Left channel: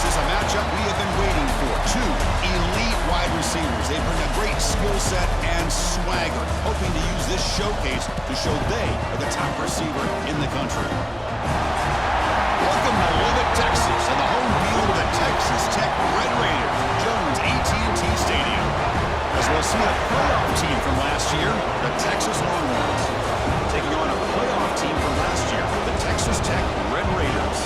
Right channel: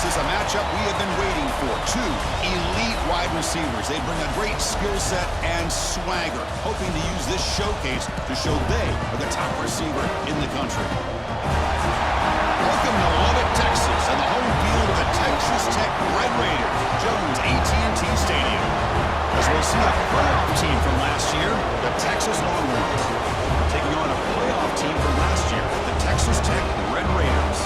This is a matchup we have been waiting for. Two elite wide receivers. They bring a great skill set and swagger, hoping to use this showcase to show they are the top receiver in the country. Welcome to Lubbock, Texas, and the home field of the Texas Tech Red Raiders, Jones AT&T Stadium. As we'll see a playoff team from last year, the Texas Longhorns, taking on a playoff team from last year, the Texas Tech Red Raiders.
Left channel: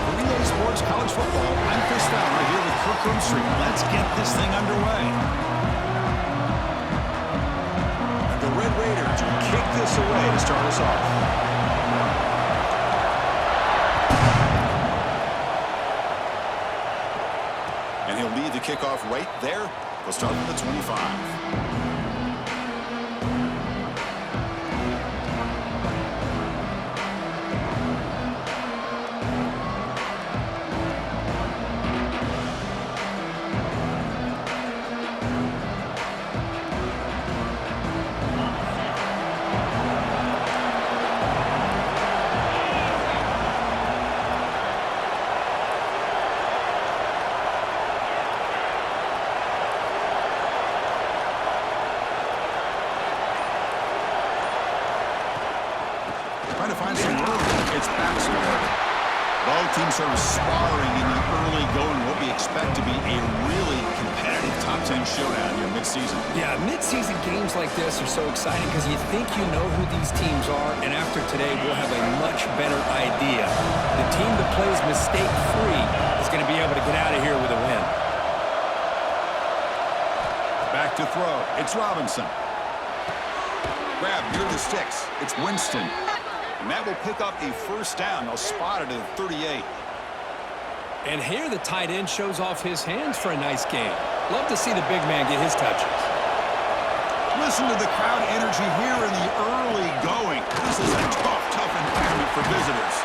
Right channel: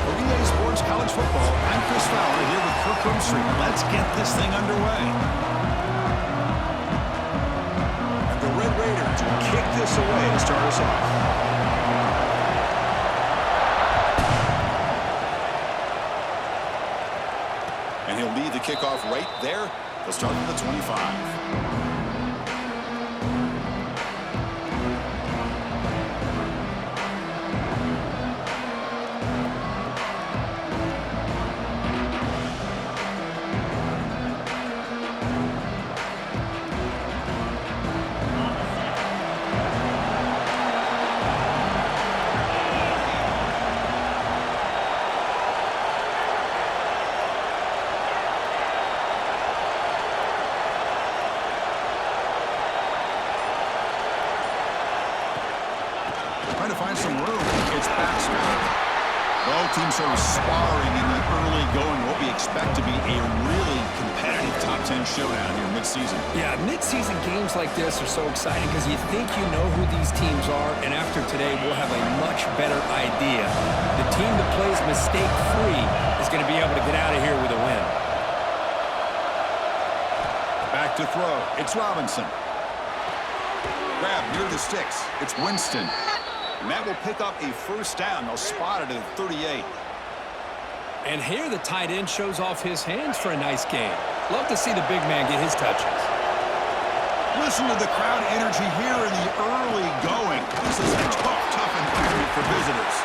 For EA Sports College Football, I'm Chris Fowler here with Kirk Herbstreit. Let's get this thing underway. And the Red Raiders will kick this away to start us off. And he'll lead the kickoff right there. He'll start from the 25. Trying to find some room. It's Baxter. Both teams sort of sparring in the early going. What we expect to be a really competitive top 10 showdown here mid-season. Yeah, mid-season games like this are so exciting because you think you know who these teams are, and after today, we'll have a much better idea. The team that plays mistake-free is going to be able to get out of here with a win. Back to throw. It's Robinson. Grab near the sticks. It's Winston. And that will pick up a first down. They'll spot it at 38. And here the tight end shows off his hands for a nice game. Love to see the big man get his touches. Listen to the crowd energy here in the early going. This is a tough environment for visitors.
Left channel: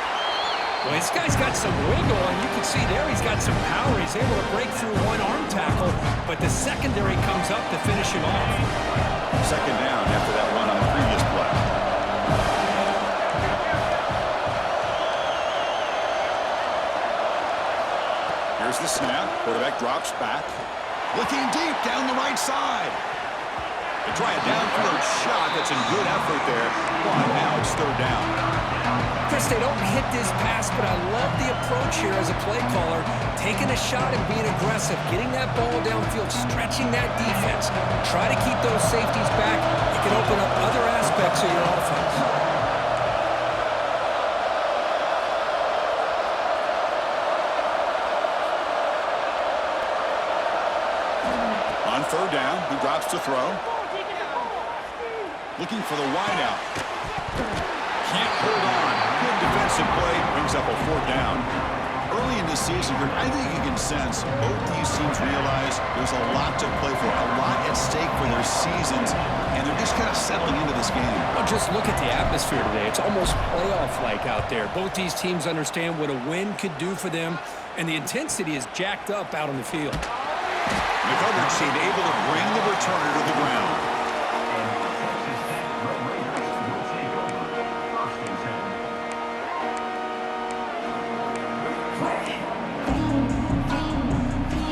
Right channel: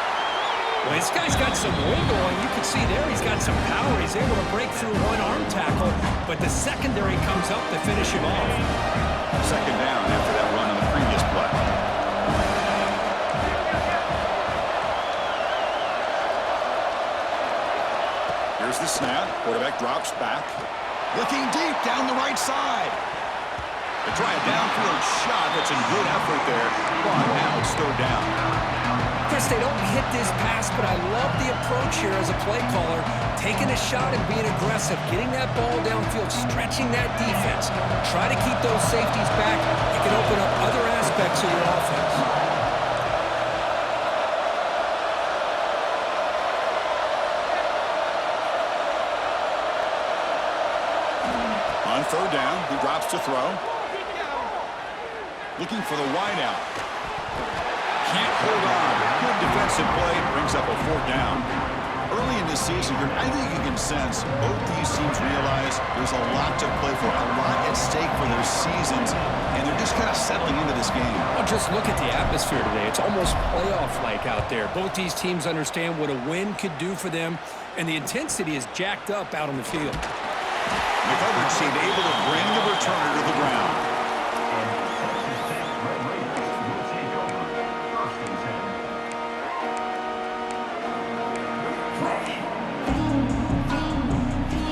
Well, this guy's got some wiggle, and you can see there he's got some power. He's able to break through one arm tackle, but the secondary comes up to finish him off. Second down after that run on the previous play. Here's the snap. Quarterback drops back. Looking deep down the right side. They try a downfield shot. That's a good effort there. But now it's third down. Chris, they don't hit this pass, but I love the approach here as a play caller. Taking a shot and being aggressive. Getting that ball downfield. Stretching that defense. Try to keep those safeties back. It can open up other aspects of your offense. On third down, he drops to throw. Looking for the wideout. Can't hold on. Good defensive play. Brings up a fourth down. Early in this season, I think you can sense both these teams realize there's a lot to play for, a lot at stake for their seasons, and they're just kind of settling into this game. Well, just look at the atmosphere today. It's almost playoff-like out there. Both these teams understand what a win could do for them, and the intensity is jacked up out on the field. The coverage team able to bring the returner to the ground.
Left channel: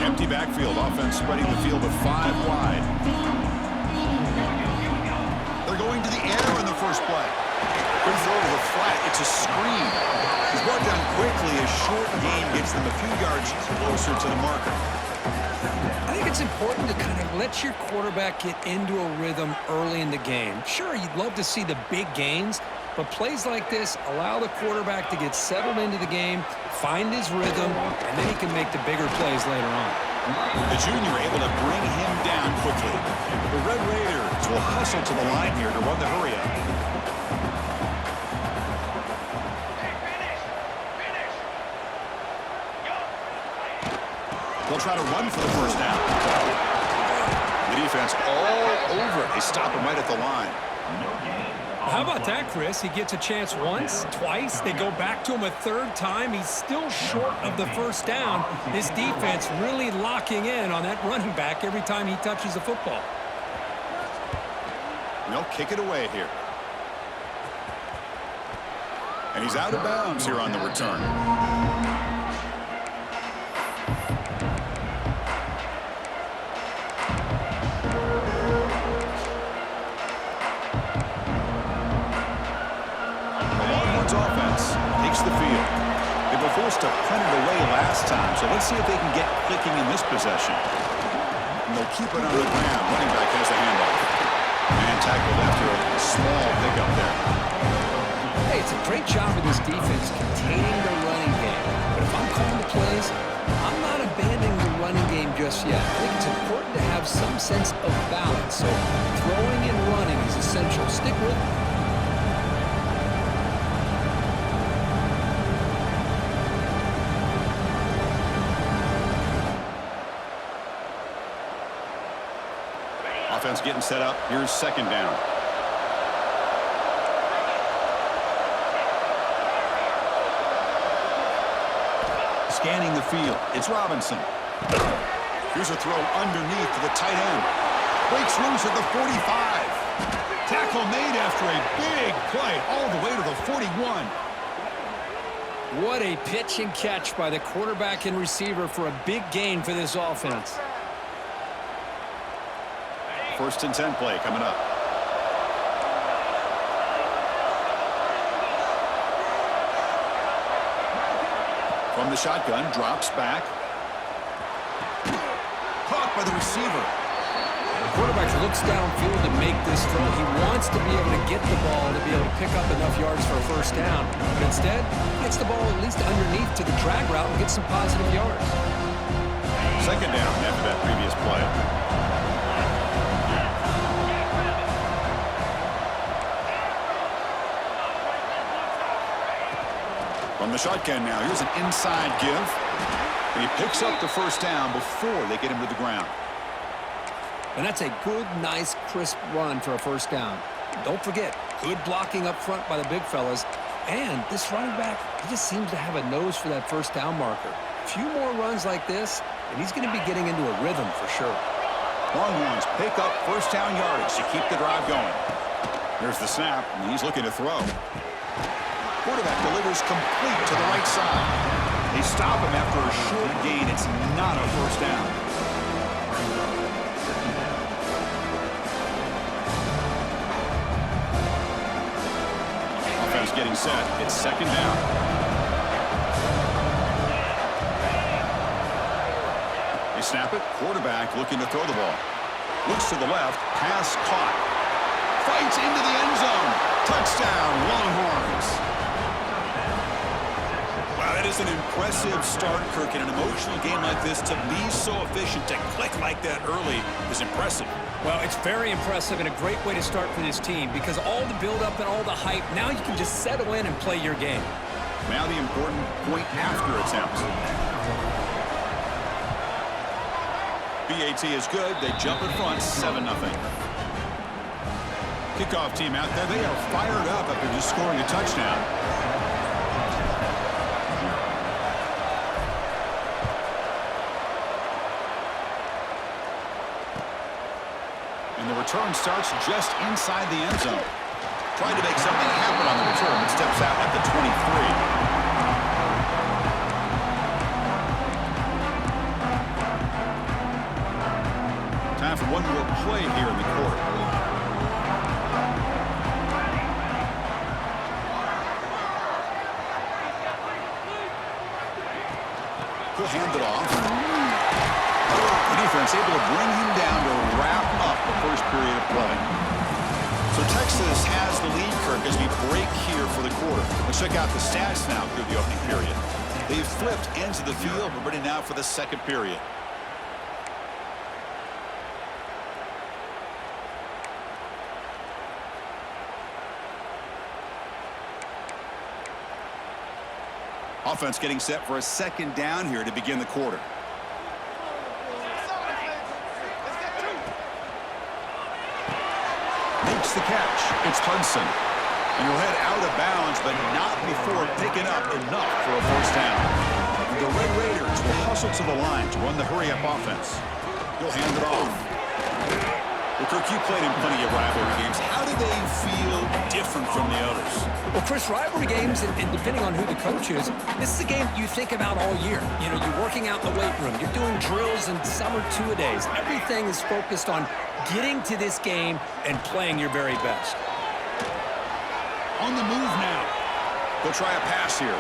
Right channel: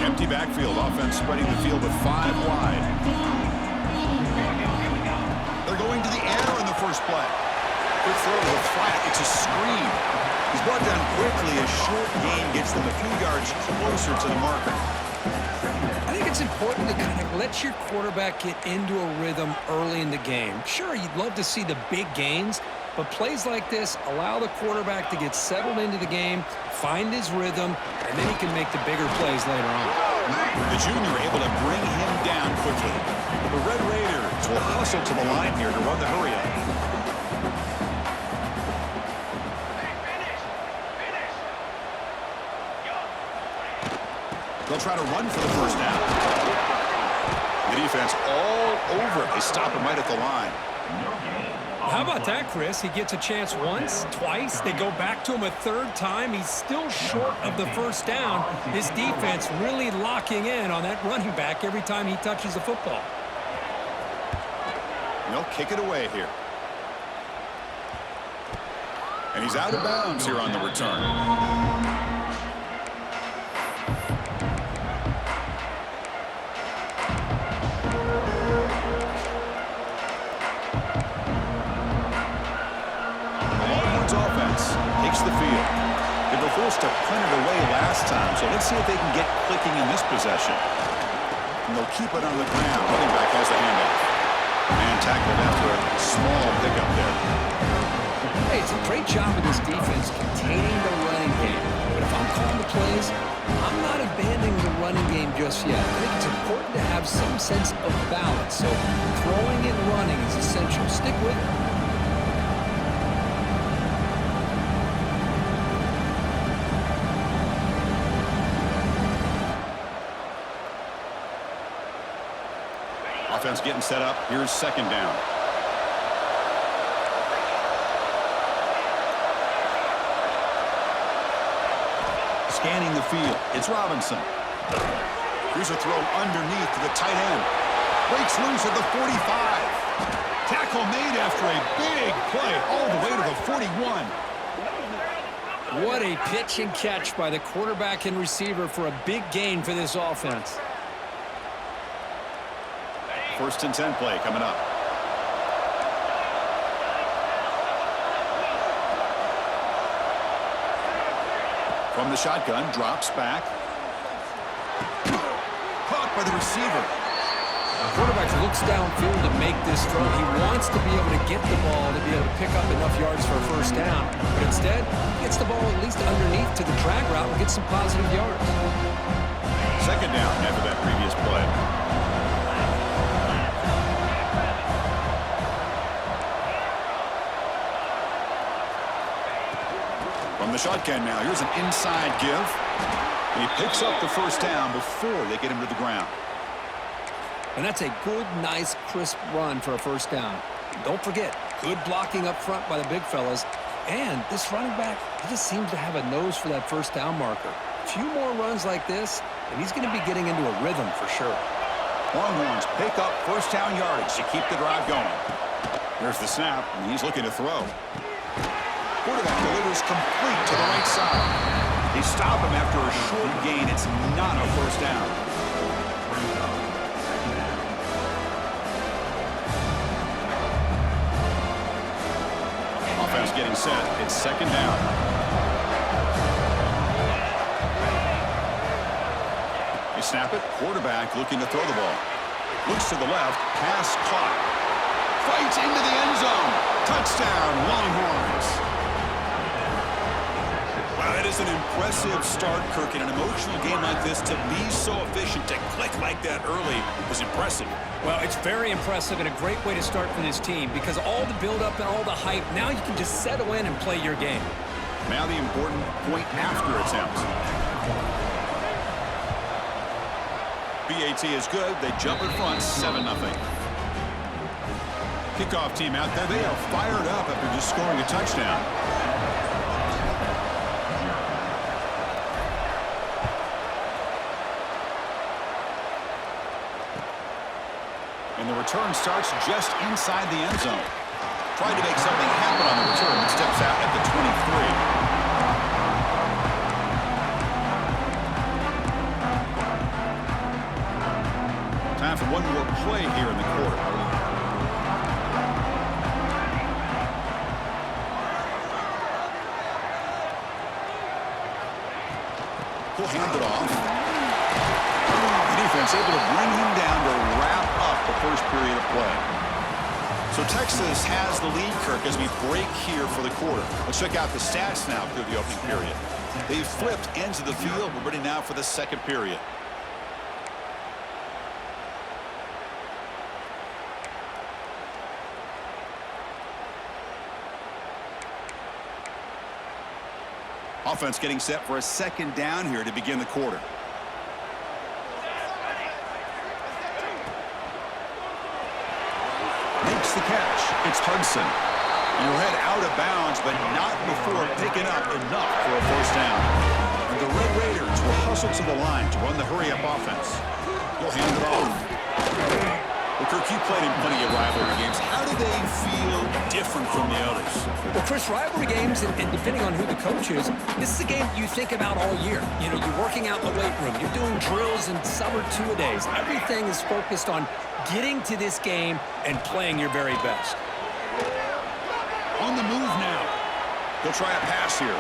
Empty backfield. Offense spreading the field with 5 wide. They're going to the air in the first play. Quick throw to the flat. It's a screen. He's brought down quickly. A short gain gets them a few yards closer to the marker. I think it's important to kind of let your quarterback get into a rhythm early in the game. Sure, you'd love to see the big gains, but plays like this allow the quarterback to get settled into the game, find his rhythm, and then he can make the bigger plays later on. The junior able to bring him down quickly. The Red Raiders will hustle to the line here to run the hurry-up. They'll try to run for the first down. The defense all over it. They stop him right at the line. How about that, Chris? He gets a chance once, twice. They go back to him a third time. He's still short of the first down. This defense really locking in on that running back every time he touches the football. They'll kick it away here. And he's out of bounds here on the return. the field. They were forced to punt it away last time, so let's see if they can get clicking in this possession. And they'll keep it on the ground. Running back has the handoff. Man tackled after a small pickup there. Hey, it's a great job of this defense containing the running game. But if I'm calling the plays, I'm not abandoning the running game just yet. I think it's important to have some sense of balance. So throwing and running is essential. Stick with it. Offense getting set up. Here's second down. Scanning the field. It's Robinson. Here's a throw underneath to the tight end. Breaks loose at the 45. Tackle made after a big play all the way to the 41. What a pitch and catch by the quarterback and receiver for a big gain for this offense. First and 10 play coming up. From the shotgun, drops back. Caught by the receiver. The quarterback looks downfield to make this throw. He wants to be able to get the ball to be able to pick up enough yards for a first down. But instead, he gets the ball at least underneath to the drag route and gets some positive yards. Second down after that previous play. From the shotgun now, here's an inside give. And he picks up the first down before they get him to the ground. And that's a good, nice, crisp run for a first down. Don't forget, good blocking up front by the big fellas. And this running back, he just seems to have a nose for that first down marker. A few more runs like this, and he's going to be getting into a rhythm for sure. Longhorns pick up first down yardage to keep the drive going. Here's the snap, and he's looking to throw. Quarterback delivers complete to the right side. They stop him after a short gain. It's not a first down. Offense getting set. It's second down. They snap it. Quarterback looking to throw the ball. Looks to the left. Pass caught. Fights into the end zone. Touchdown, Longhorns. Wow, that is an impressive start, Kirk. In an emotional game like this, to be so efficient, to click like that early is impressive. Well, it's very impressive and a great way to start for this team because all the build-up and all the hype, now you can just settle in and play your game. Now the important point after attempt. BAT is good. They jump in front, 7-0. Kickoff team out there. They are fired up after just scoring a touchdown. And the return starts just inside the end zone. Tried to make something happen on the return, but steps out at the 23. Time for one more play here in the quarter. He'll hand it off. The defense able to bring him down to wrap up the first period of play. So Texas has the lead, Kirk, as we break here for the quarter. Let's check out the stats now through the opening period. They've flipped ends of the field. We're ready now for the second period. Offense getting set for a second down here to begin the quarter. Makes the catch. It's Hudson. And he'll head out of bounds, but not before picking up enough for a first down. And the Red Raiders will hustle to the line to run the hurry-up offense. He'll hand it off. Well, Kirk, you played in plenty of rivalry games. How do they feel different from the others? Well, Chris, rivalry games, and depending on who the coach is, this is a game you think about all year. You know, you're working out in the weight room. You're doing drills and summer two-a-days. Everything is focused on getting to this game and playing your very best. On the move now. They'll try a pass here.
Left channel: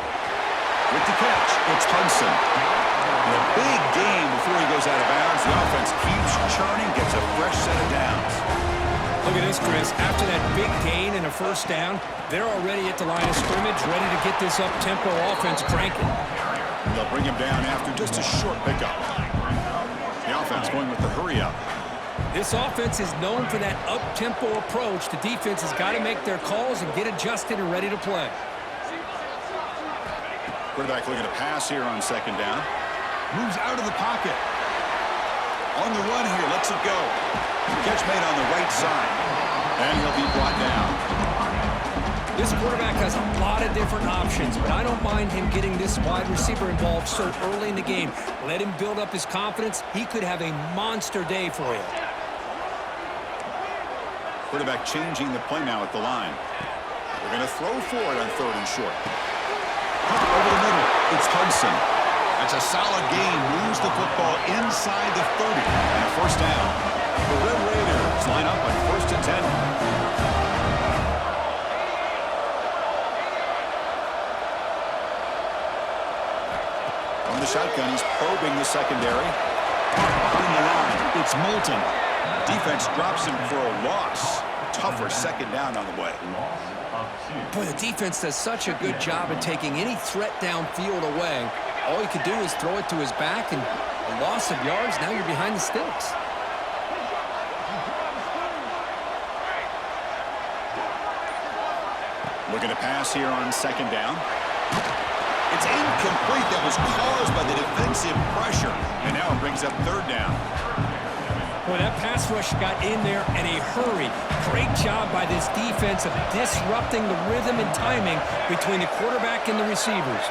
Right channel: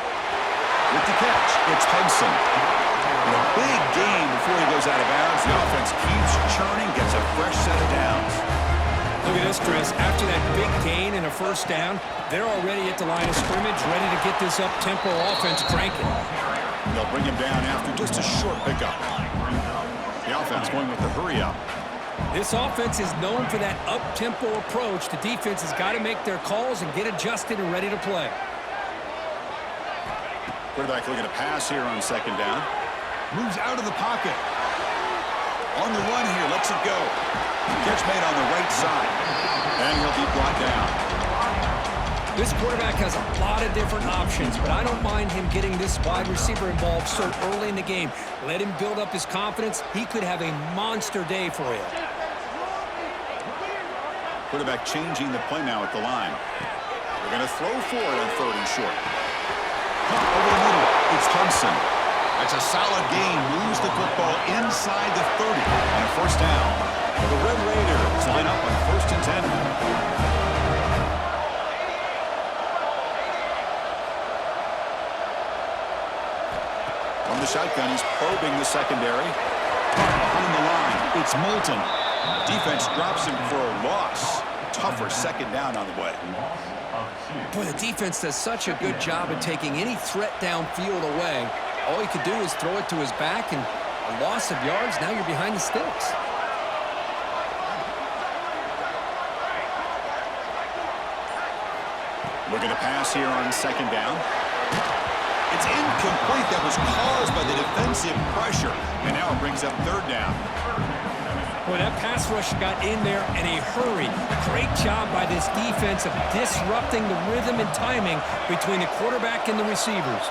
With the catch, it's Hudson. And a big gain before he goes out of bounds. The offense keeps churning, gets a fresh set of downs. Look at this, Chris. After that big gain and a first down, they're already at the line of scrimmage, ready to get this up-tempo offense cranking. They'll bring him down after just a short pickup. The offense going with the hurry-up. This offense is known for that up-tempo approach. The defense has got to make their calls and get adjusted and ready to play. Quarterback looking to pass here on second down. Moves out of the pocket. On the run here, lets it go. Catch made on the right side. And he'll be brought down. This quarterback has a lot of different options, but I don't mind him getting this wide receiver involved so early in the game. Let him build up his confidence. He could have a monster day for you. Quarterback changing the play now at the line. They're going to throw for it on third and short. Over the middle, it's Hudson. That's a solid gain. Moves the football inside the 30. And a first down. The Red Raiders line up on 1st and 10. From the shotgun, he's probing the secondary. Behind the line, it's Moulton. Defense drops him for a loss. Tougher second down on the way. Boy, the defense does such a good job of taking any threat downfield away. All you could do is throw it to his back, and a loss of yards, now you're behind the sticks. Looking to pass here on second down. It's incomplete. That was caused by the defensive pressure. And now it brings up third down. Boy, that pass rush got in there in a hurry. Great job by this defense of disrupting the rhythm and timing between the quarterback and the receivers.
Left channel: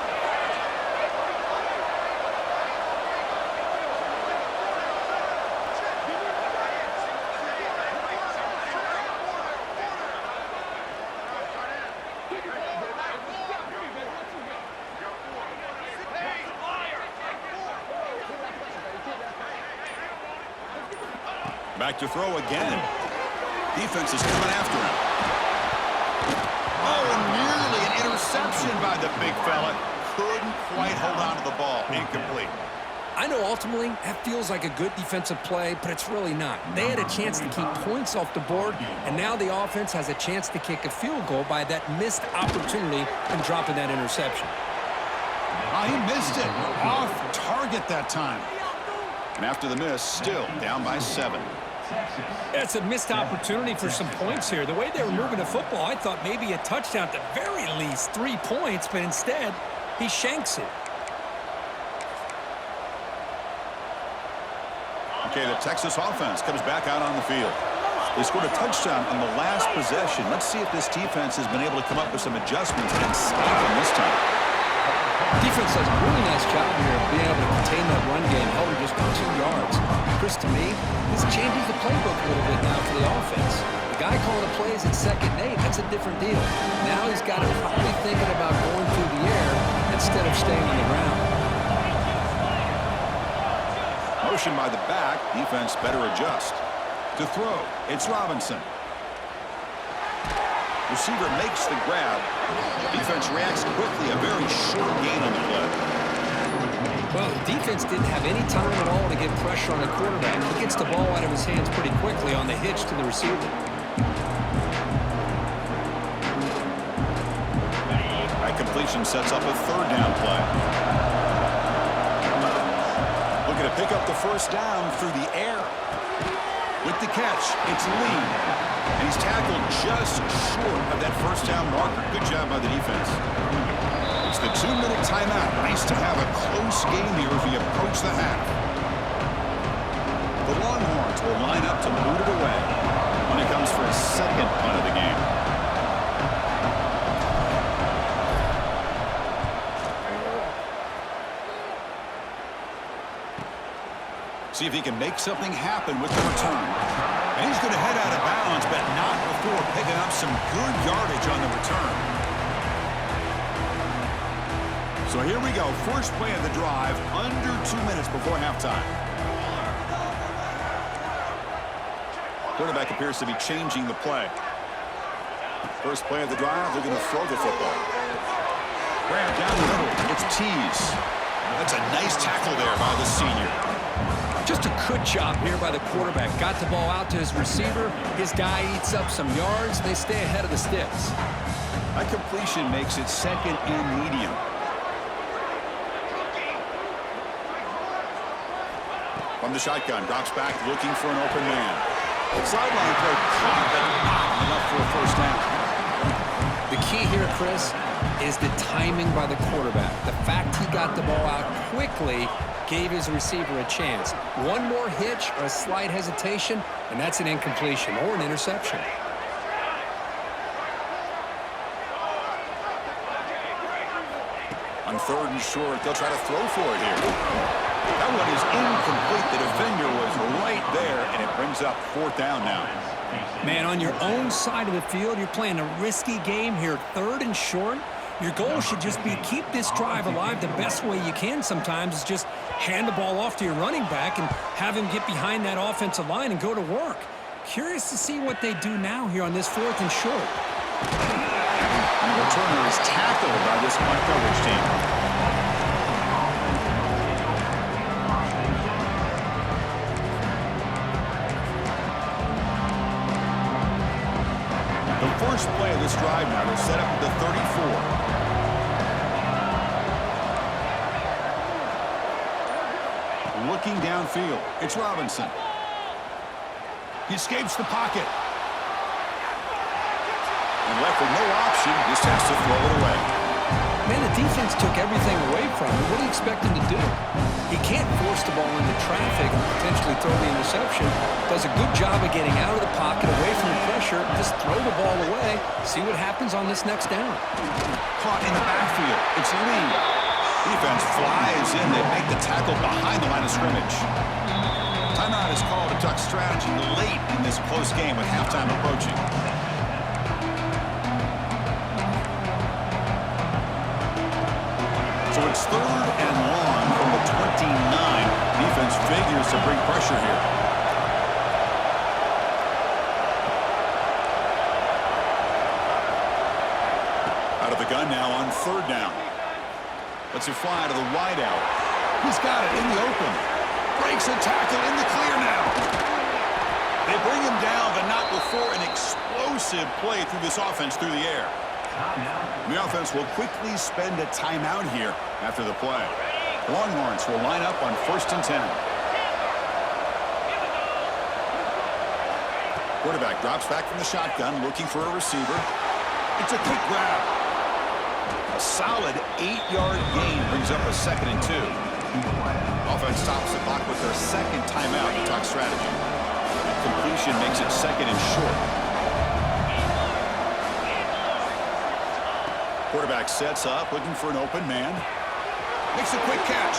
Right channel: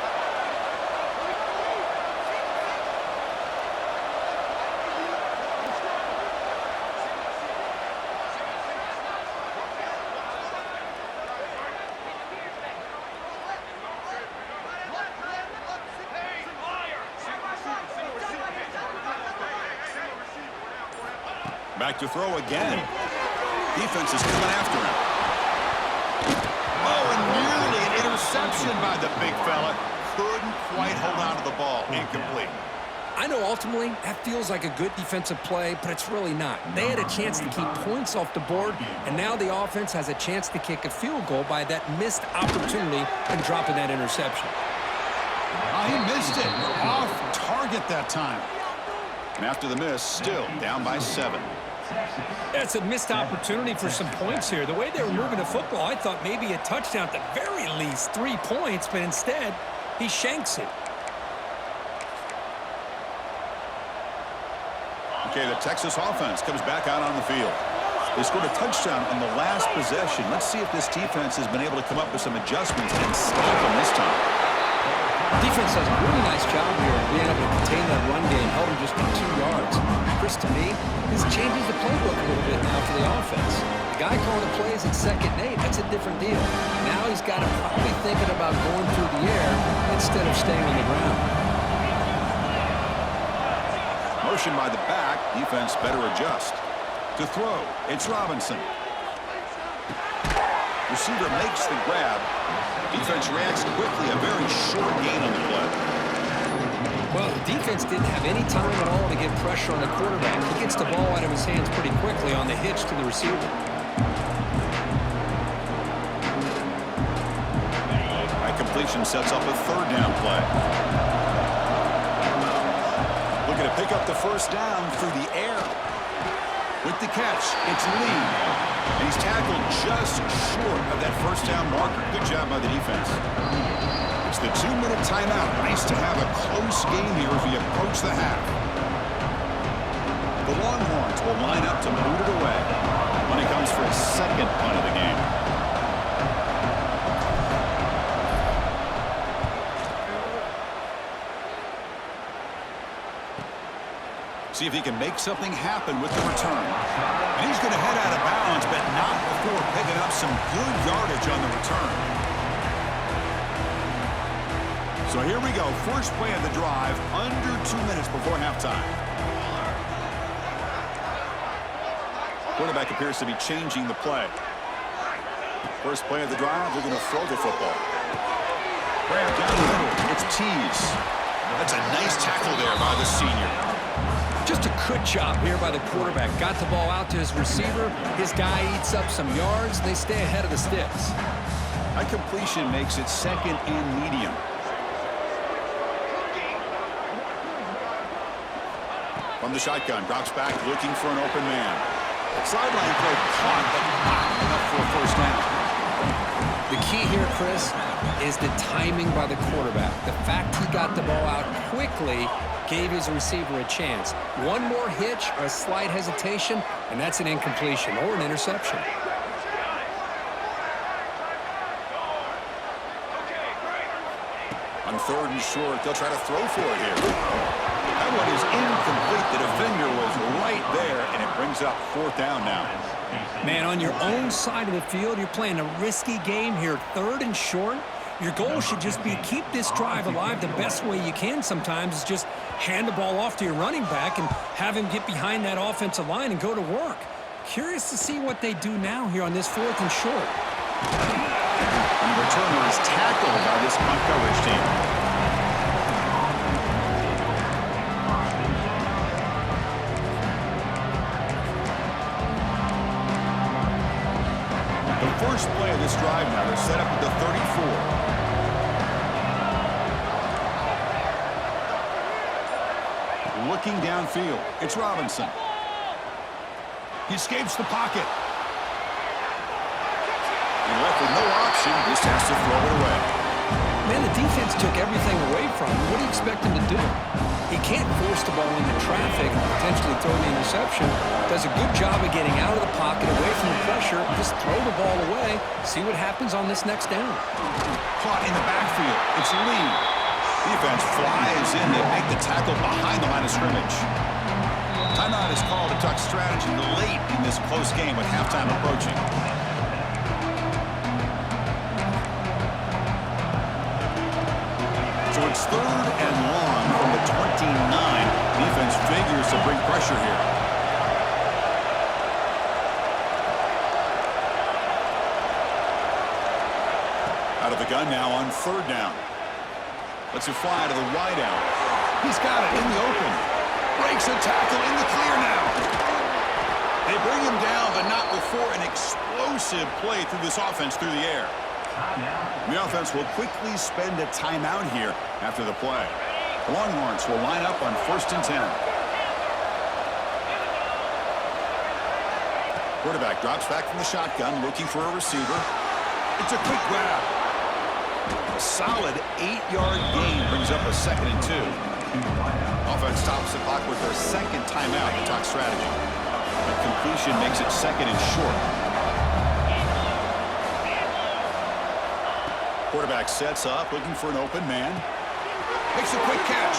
Back to throw again. Defense is coming after him. Oh, and nearly an interception by the big fella. Couldn't quite hold on to the ball. Incomplete. I know ultimately that feels like a good defensive play, but it's really not. They had a chance to keep points off the board, and now the offense has a chance to kick a field goal by that missed opportunity and dropping that interception. He missed it. Off target that time. And after the miss, still down by 7. It's a missed opportunity for some points here. The way they were moving the football, I thought maybe a touchdown, at the very least 3 points, but instead he shanks it. Okay, the Texas offense comes back out on the field. They scored a touchdown on the last possession. Let's see if this defense has been able to come up with some adjustments and stop them this time. Defense does a really nice job here of being able to contain that run game, held him just to 2 yards. Chris, to me, this changes the playbook a little bit now for the offense. The guy calling the plays at 2nd and 8, that's a different deal. Now he's got to probably thinking about going through the air instead of staying on the ground. Motion by the back. Defense better adjust. To throw, it's Robinson. Receiver makes the grab. Defense reacts quickly. A very short gain on the play. Well, the defense didn't have any time at all to get pressure on the quarterback. He gets the ball out of his hands pretty quickly on the hitch to the receiver. That completion sets up a 3rd down play. Looking to pick up the first down through the air. With the catch, it's Lee. And he's tackled just short of that first down marker. Good job by the defense. It's the 2-minute timeout. Nice to have a close game here as we approach the half. The Longhorns will line up to boot it away when it comes for a second punt of the game. See if he can make something happen with the return. And he's going to head out of bounds, but not before picking up some good yardage on the return. So here we go. First play of the drive, under 2 minutes before halftime. Quarterback appears to be changing the play. First play of the drive, they're going to throw the football. Grab down the middle. It's Tease. That's a nice tackle there by the senior. Just a good job here by the quarterback. Got the ball out to his receiver. His guy eats up some yards. They stay ahead of the sticks. That completion makes it second and medium. From the shotgun, drops back looking for an open man. Sideline play caught, but not enough for a first down. The key here, Chris, is the timing by the quarterback. The fact he got the ball out quickly gave his receiver a chance. One more hitch or a slight hesitation, and that's an incompletion or an interception. On third and short, they'll try to throw for it here. That one is incomplete. The defender was right there, and it brings up fourth down now. Man, on your own side of the field, you're playing a risky game here. Third and short, your goal should just be keep this drive alive the best way you can sometimes is just hand the ball off to your running back and have him get behind that offensive line and go to work. Curious to see what they do now here on this fourth and short. And the returner is tackled by this punt coverage team. The first play of this drive now, they're set up at the 34. Looking downfield, it's Robinson. He escapes the pocket. And left with no option, just has to throw it away. Man, the defense took everything away from him. What do you expect him to do? He can't force the ball into traffic and potentially throw the interception. Does a good job of getting out of the pocket, away from the pressure, just throw the ball away, see what happens on this next down. Caught in the backfield. It's Lee. Defense flies in. They make the tackle behind the line of scrimmage. Timeout is called to talk strategy late in this close game with halftime approaching. So it's third and long from the 29. Defense figures to bring pressure here. Out of the gun now on third down. Lets it fly to the wideout. He's got it in the open. Breaks a tackle in the clear now. They bring him down, but not before an explosive play through this offense through the air. The offense will quickly spend a timeout here after the play. The Longhorns will line up on 1st and 10. Quarterback drops back from the shotgun, looking for a receiver. It's a quick grab. A solid 8-yard gain brings up a 2nd and 2. Offense stops the clock with their second timeout to talk strategy. And completion makes it 2nd and short. Quarterback sets up, looking for an open man. Makes a quick catch.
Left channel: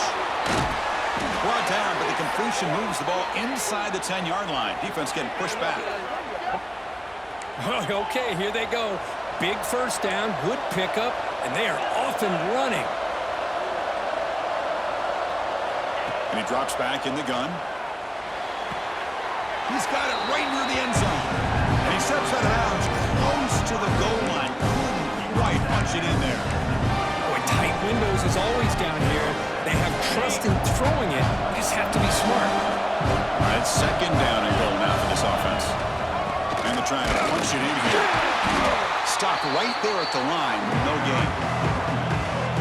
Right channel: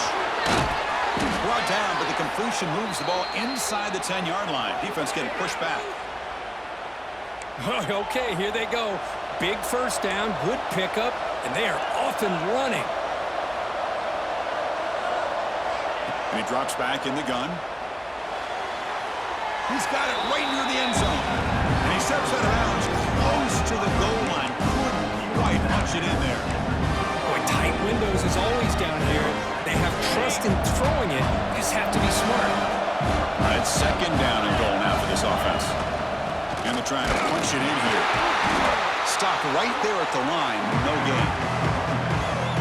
Brought down, but the completion moves the ball inside the 10-yard line. Defense getting pushed back. Okay, here they go. Big first down, good pickup, and they are off and running. And he drops back in the gun. He's got it right near the end zone. And he steps out of bounds close to the goal line. Couldn't quite punch it in there. Boy, tight windows is always down here. They have trust in throwing it. You just have to be smart. All right, 2nd down and goal now for this offense. And they're trying to punch it in here. Stopped right there at the line. No gain.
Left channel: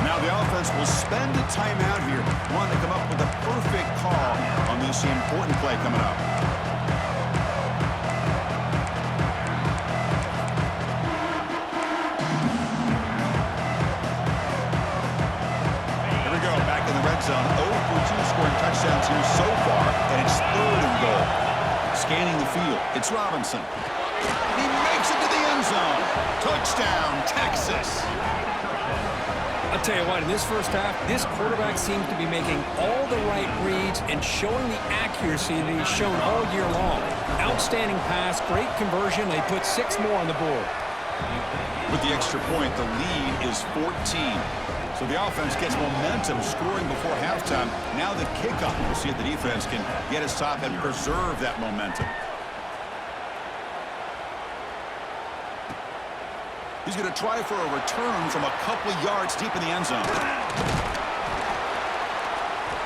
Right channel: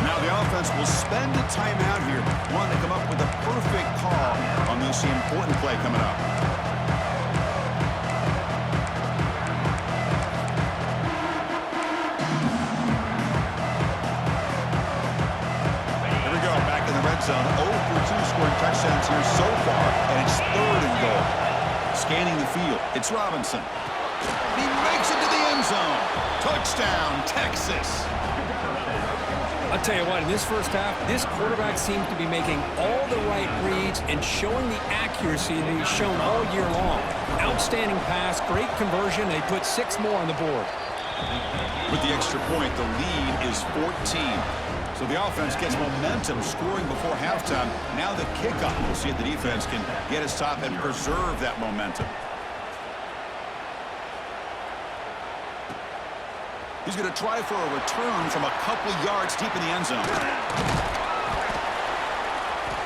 Now the offense will spend a timeout here. Want to come up with a perfect call on this important play coming up. Here we go. Back in the red zone. 0 for 2 scoring touchdowns here so far. And it's 3rd and goal. Scanning the field. It's Robinson. He makes it to the end zone. Touchdown, Texas. I'll tell you what, in this first half, this quarterback seems to be making all the right reads and showing the accuracy that he's shown all year long. Outstanding pass, great conversion. They put 6 more on the board. With the extra point, the lead is 14. So the offense gets momentum scoring before halftime. Now the kickoff. We'll see if the defense can get his top and preserve that momentum. He's going to try for a return from a couple yards deep in the end zone.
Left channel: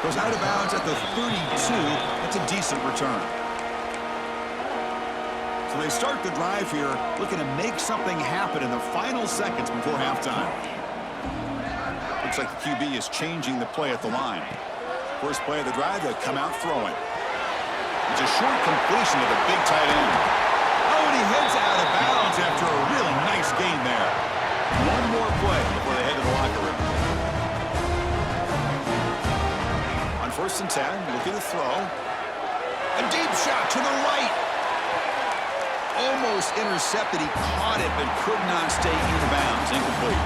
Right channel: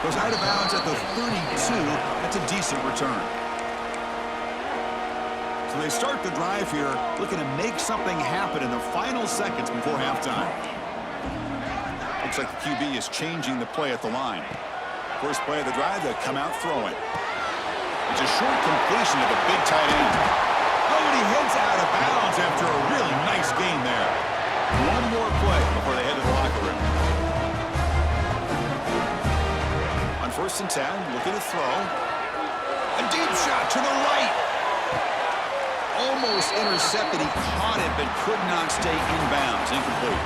Goes out of bounds at the 32. That's a decent return. So they start the drive here, looking to make something happen in the final seconds before halftime. Looks like the QB is changing the play at the line. First play of the drive, they'll come out throwing. It's a short completion to the big tight end. Oh, and he heads out of bounds after a really nice gain there. One more play before they head to the locker room. On 1st and 10, looking to throw. A deep shot to the right. Almost intercepted. He caught it, but could not stay in bounds. Incomplete.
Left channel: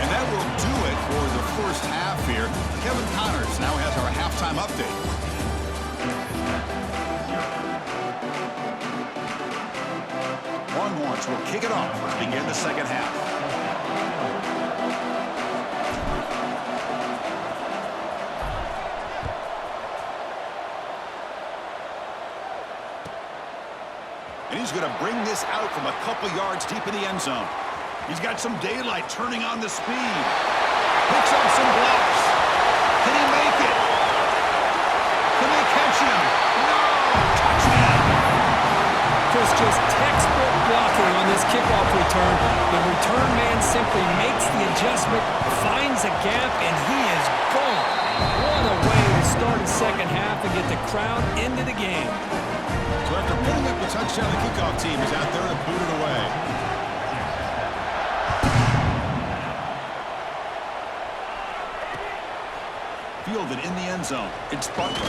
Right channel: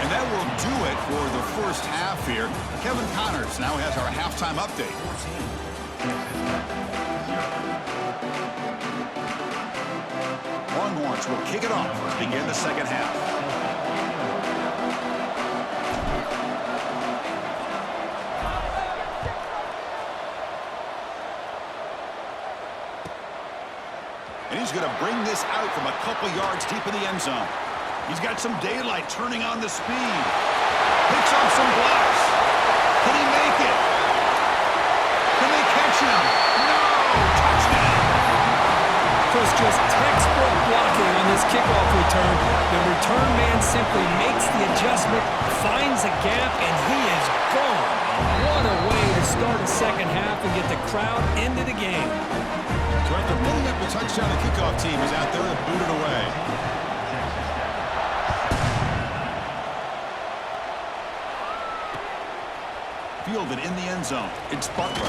And that will do it for the first half here. Kevin Connors now has our halftime update. Longhorns will kick it off to begin the second half. And he's going to bring this out from a couple yards deep in the end zone. He's got some daylight turning on the speed. Picks up some blocks. Can he make it? Can they catch him? No! Touchdown! Chris, just textbook blocking on this kickoff return. The return man simply makes the adjustment, finds a gap, and he is gone. What a way to start the second half and get the crowd into the game. So after putting up the touchdown, the kickoff team is out there to boot it away. Fielded in the end zone. It's Butler.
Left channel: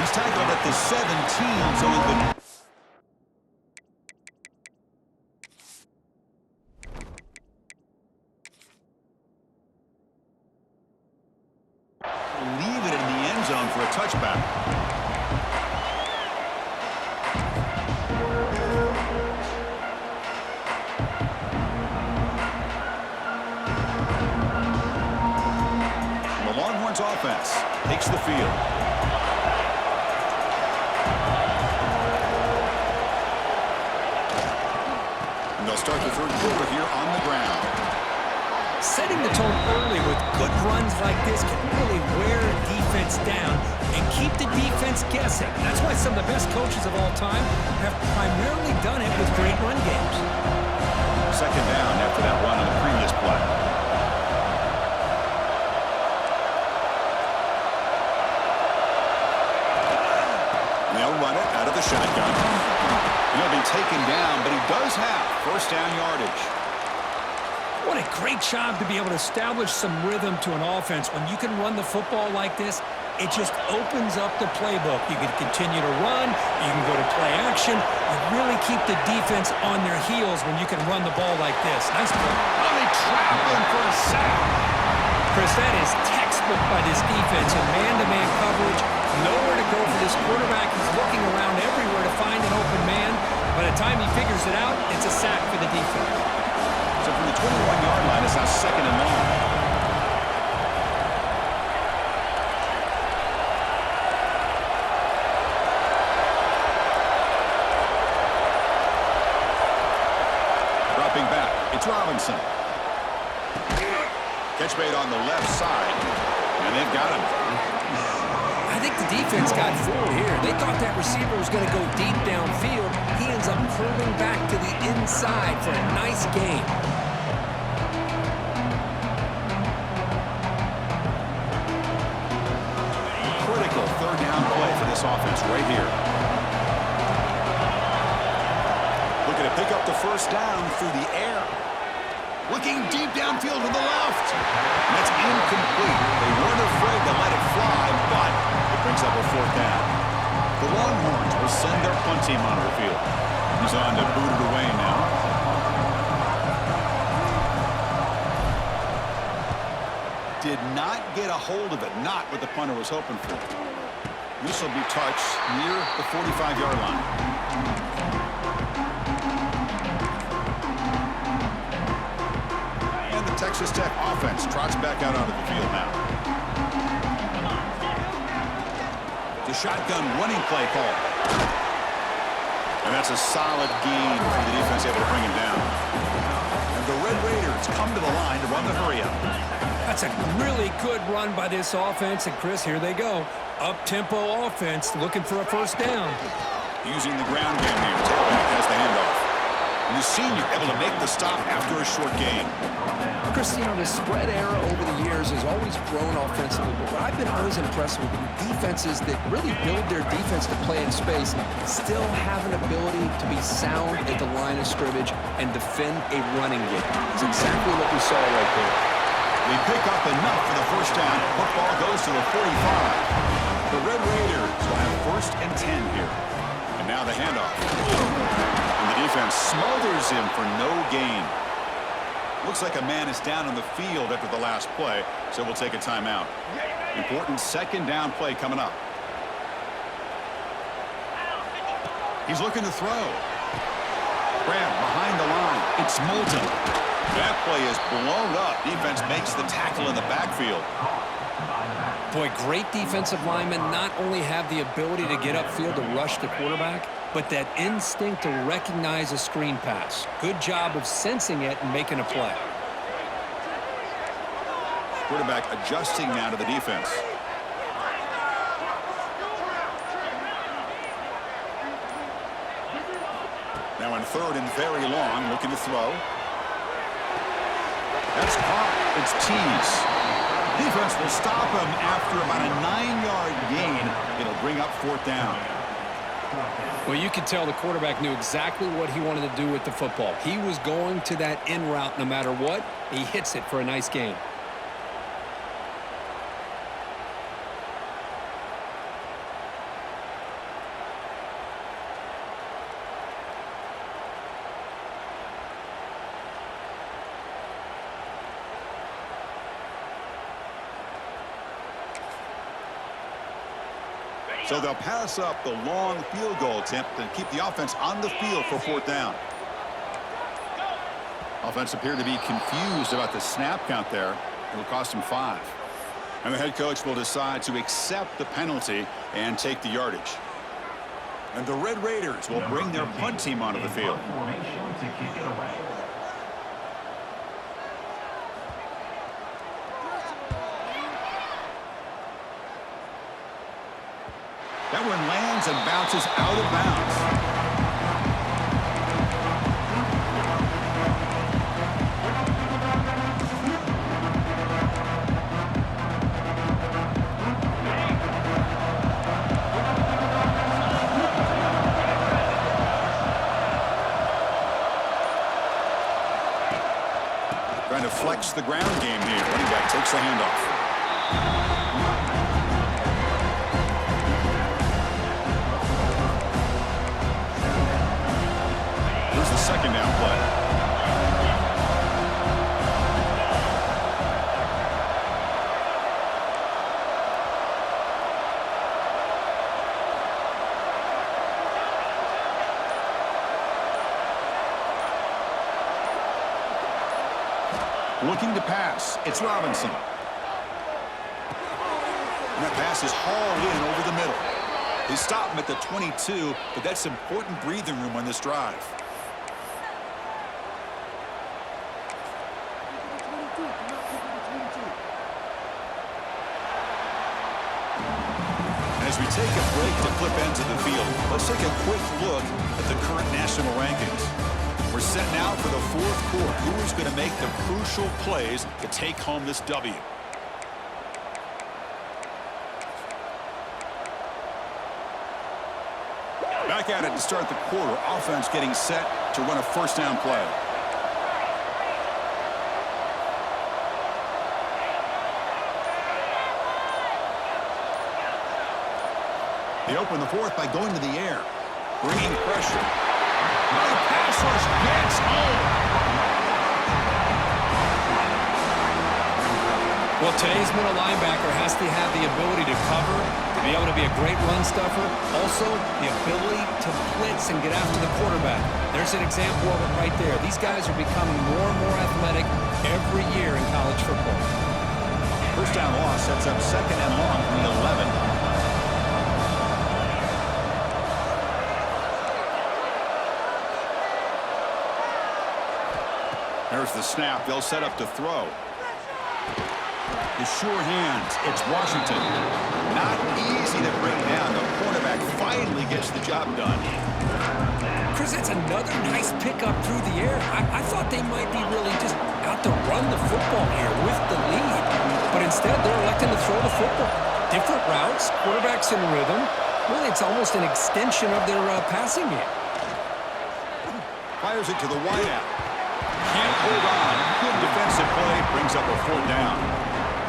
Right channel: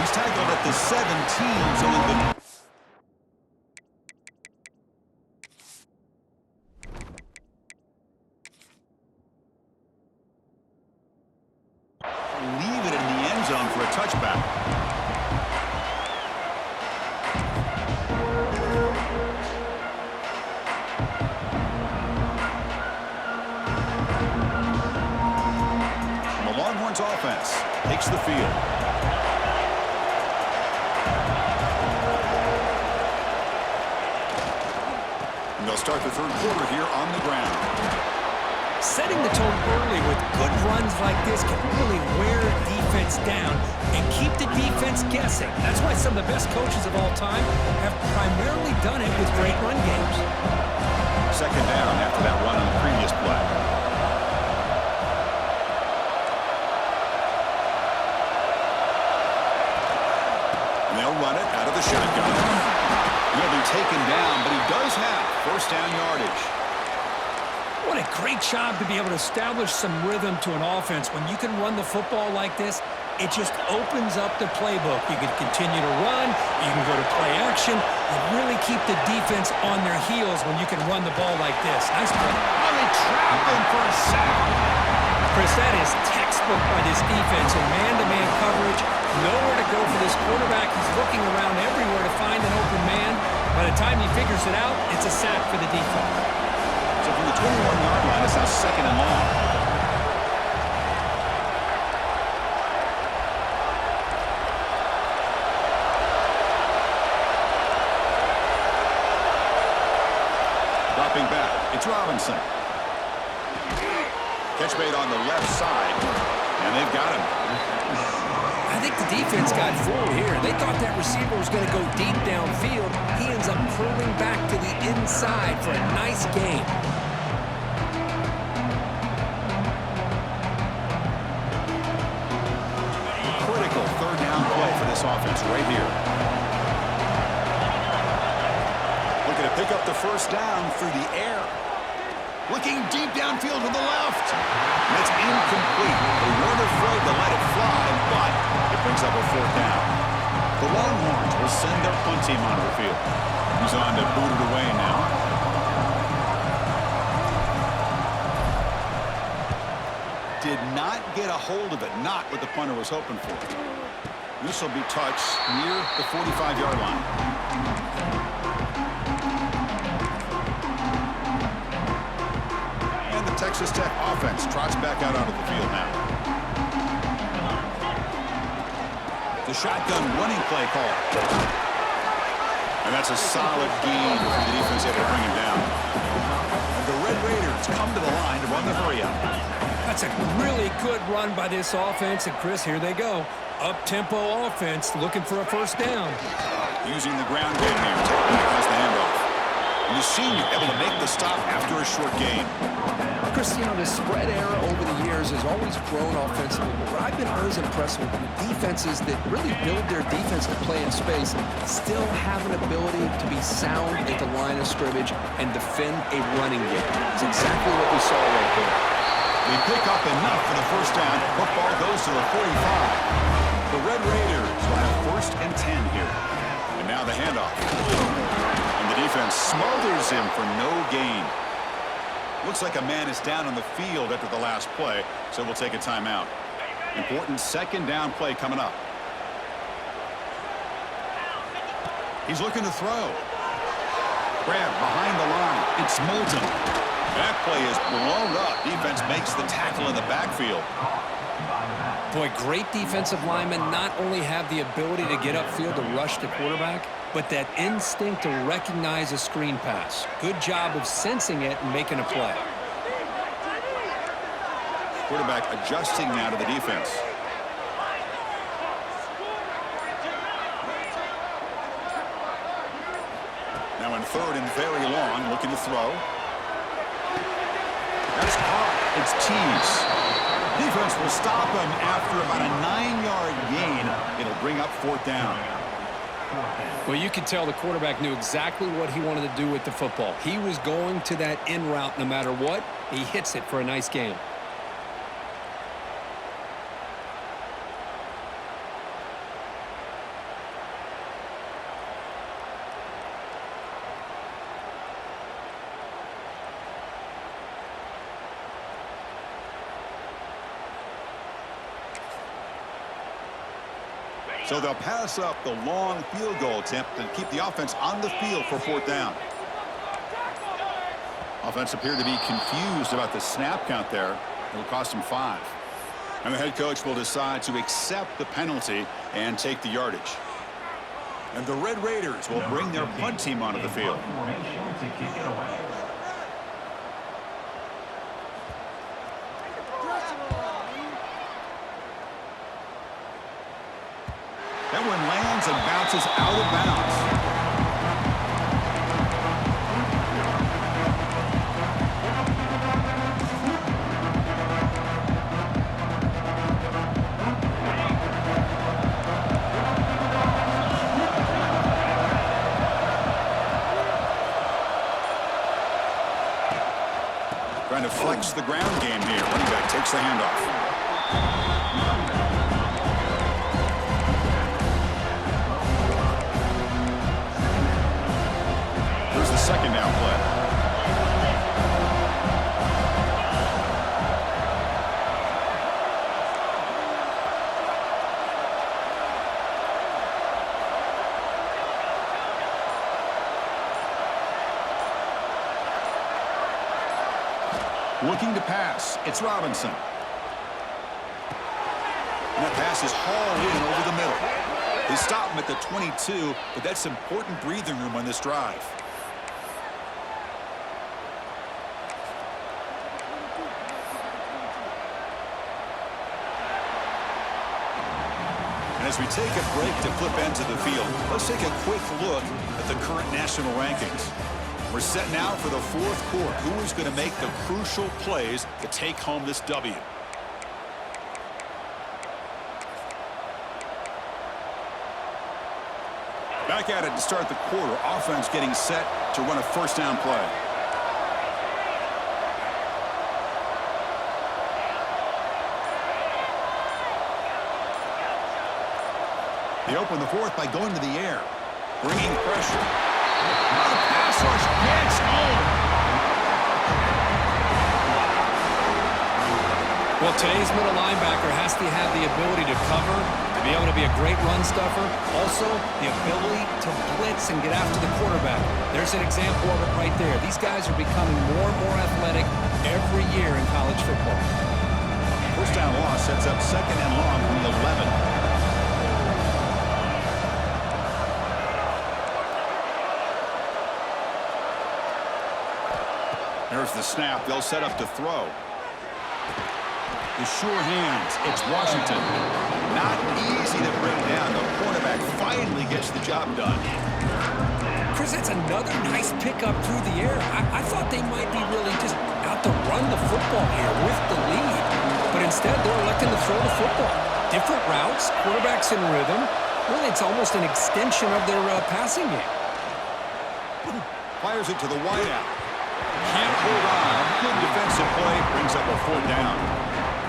He's tackled at the 17, so in the... Leave it in the end zone for a touchback. The Longhorns offense takes the field. And they'll start the third quarter here on the ground. Setting the tone early with good runs like this can really wear defense down and keep the defense guessing. That's why some of the best coaches of all time have primarily done it with great run games. Second down after that run on the previous play. And they'll run it out of the shotgun. He'll be taken down, but he does have first down yardage. What a great job to be able to establish some rhythm to an offense. When you can run the football like this, it just opens up the playbook. You can continue to run. You can go to play action. You really keep the defense on their heels when you can run the ball like this. Nice play. Oh, they trap him for a sack. Chris, that is textbook by this defense in man-to-man coverage. Nowhere to go for this quarterback. He's looking around everywhere to find an open man. By the time he figures it out, it's a sack for the defense. So from the 21-yard line, it's now second and long. Dropping back, it's Robinson. Catch made on the left side, and they've got him. I think the defense got fooled here. They thought that receiver was going to go deep downfield. He ends up curling back to the inside for a nice gain. Critical third down play for this offense right here. Looking to pick up the first down through the air. Looking deep downfield to the left. And that's incomplete. They weren't afraid to let it fly, but it brings up a fourth down. The Longhorns will send their punt team onto the field. He's on to boot it away now. Did not get a hold of it. Not what the punter was hoping for. This will be touched near the 45-yard line. Texas Tech offense trots back out onto the field now. The shotgun running play call. And that's a solid gain for the defense able to bring him down. And And the Red Raiders come to the line to run the hurry-up. That's a really good run by this offense. And, Chris, here they go. Up-tempo offense looking for a first down. Using the ground game here. Tailback has the handoff. And the senior able to make the stop after a short gain. Chris, you know, the spread era over the years has always grown offensively, but what I've been always impressed with defenses that really build their defense to play in space still have an ability to be sound at the line of scrimmage and defend a running game. It's exactly what we saw right there. They pick up enough for the first down. Football goes to the 45. The Red Raiders will have 1st and 10 here. And now the handoff. And the defense smothers him for no gain. Looks like a man is down on the field after the last play, so we'll take a timeout. Important 2nd down play coming up. He's looking to throw. Grab behind the line. It's Moulton. That play is blown up. Defense makes the tackle in the backfield. Boy, great defensive linemen not only have the ability to get upfield to rush the quarterback, but that instinct to recognize a screen pass. Good job of sensing it and making a play. Quarterback adjusting now to the defense. Now in 3rd and very long, looking to throw. That's caught. It's Tease. Defense will stop him after about a 9-yard gain. It'll bring up 4th down. Well, you could tell the quarterback knew exactly what he wanted to do with the football. He was going to that in route no matter what. He hits it for a nice gain. So they'll pass up the long field goal attempt and keep the offense on the field for 4th down. Offense appeared to be confused about the snap count there. It'll cost them 5. And the head coach will decide to accept the penalty and take the yardage. And the Red Raiders will bring their punt team onto the field. That one lands and bounces out of bounds. Trying to flex the ground game here. Running back takes the handoff. The 2nd down play. Looking to pass. It's Robinson. And that pass is hauled in over the middle. They stop him at the 22, but that's important breathing room on this drive. As we take a break to flip ends of the field, let's take a quick look at the current national rankings. We're set now for the 4th quarter. Who is going to make the crucial plays to take home this W? Back at it to start the quarter. Offense getting set to run a 1st down play. They open the 4th by going to the air, bringing pressure. Now the pass rush gets home. Well, today's middle linebacker has to have the ability to cover, to be able to be a great run stuffer, also the ability to blitz and get after the quarterback. There's an example of it right there. These guys are becoming more and more athletic every year in college football. 1st down loss sets up 2nd and long from the 11. There's the snap. They'll set up to throw. The sure hands. It's Washington. Not easy to bring down. The quarterback finally gets the job done. Chris, that's another nice pickup through the air. I thought they might be really just out to run the football here with the lead. But instead, they're electing to throw the football. Different routes, quarterbacks in rhythm. Really, it's almost an extension of their passing game. Fires it to the wideout. Can't hold on. Good defensive play. Brings up a 4th down.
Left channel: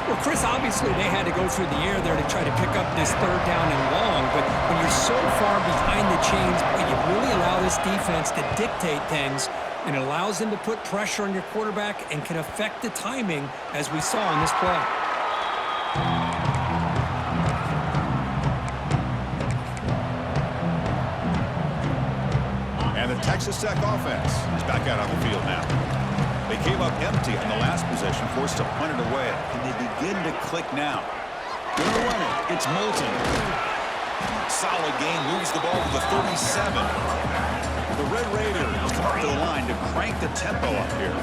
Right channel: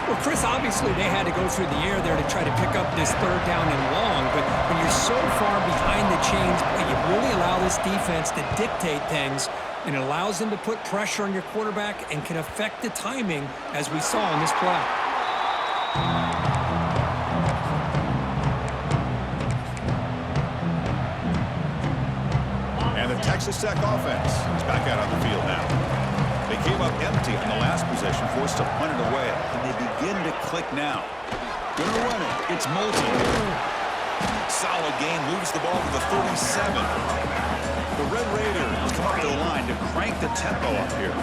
Well, Chris, obviously they had to go through the air there to try to pick up this 3rd down and long, but when you're so far behind the chains, you really allow this defense to dictate things, and it allows them to put pressure on your quarterback and can affect the timing, as we saw in this play. And the Texas Tech offense is back out on the field now. They came up empty on the last possession, forced to punt it away. And they begin to click now. Gonna run it. It's Moulton. Solid game. Moves the ball to the 37. The Red Raiders come up to the line to crank the tempo up here.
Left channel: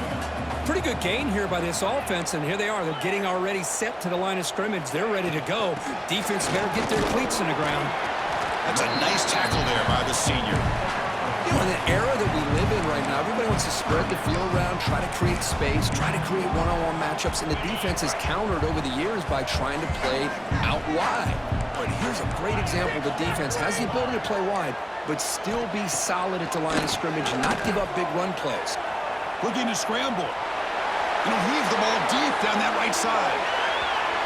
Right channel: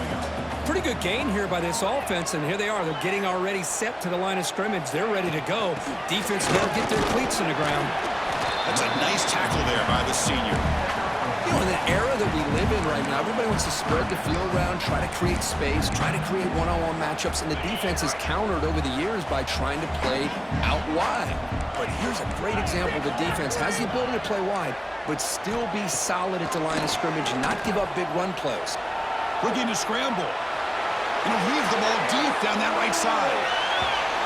Pretty good gain here by this offense, and here they are. They're getting already set to the line of scrimmage. They're ready to go. Defense better get their cleats in the ground. That's a nice tackle there by the senior. You know, in the era that we live in right now, everybody wants to spread the field around, try to create space, try to create one-on-one matchups, and the defense has countered over the years by trying to play out wide. But here's a great example. The defense has the ability to play wide, but still be solid at the line of scrimmage and not give up big run plays. Looking to scramble. Heave the ball deep down that right side.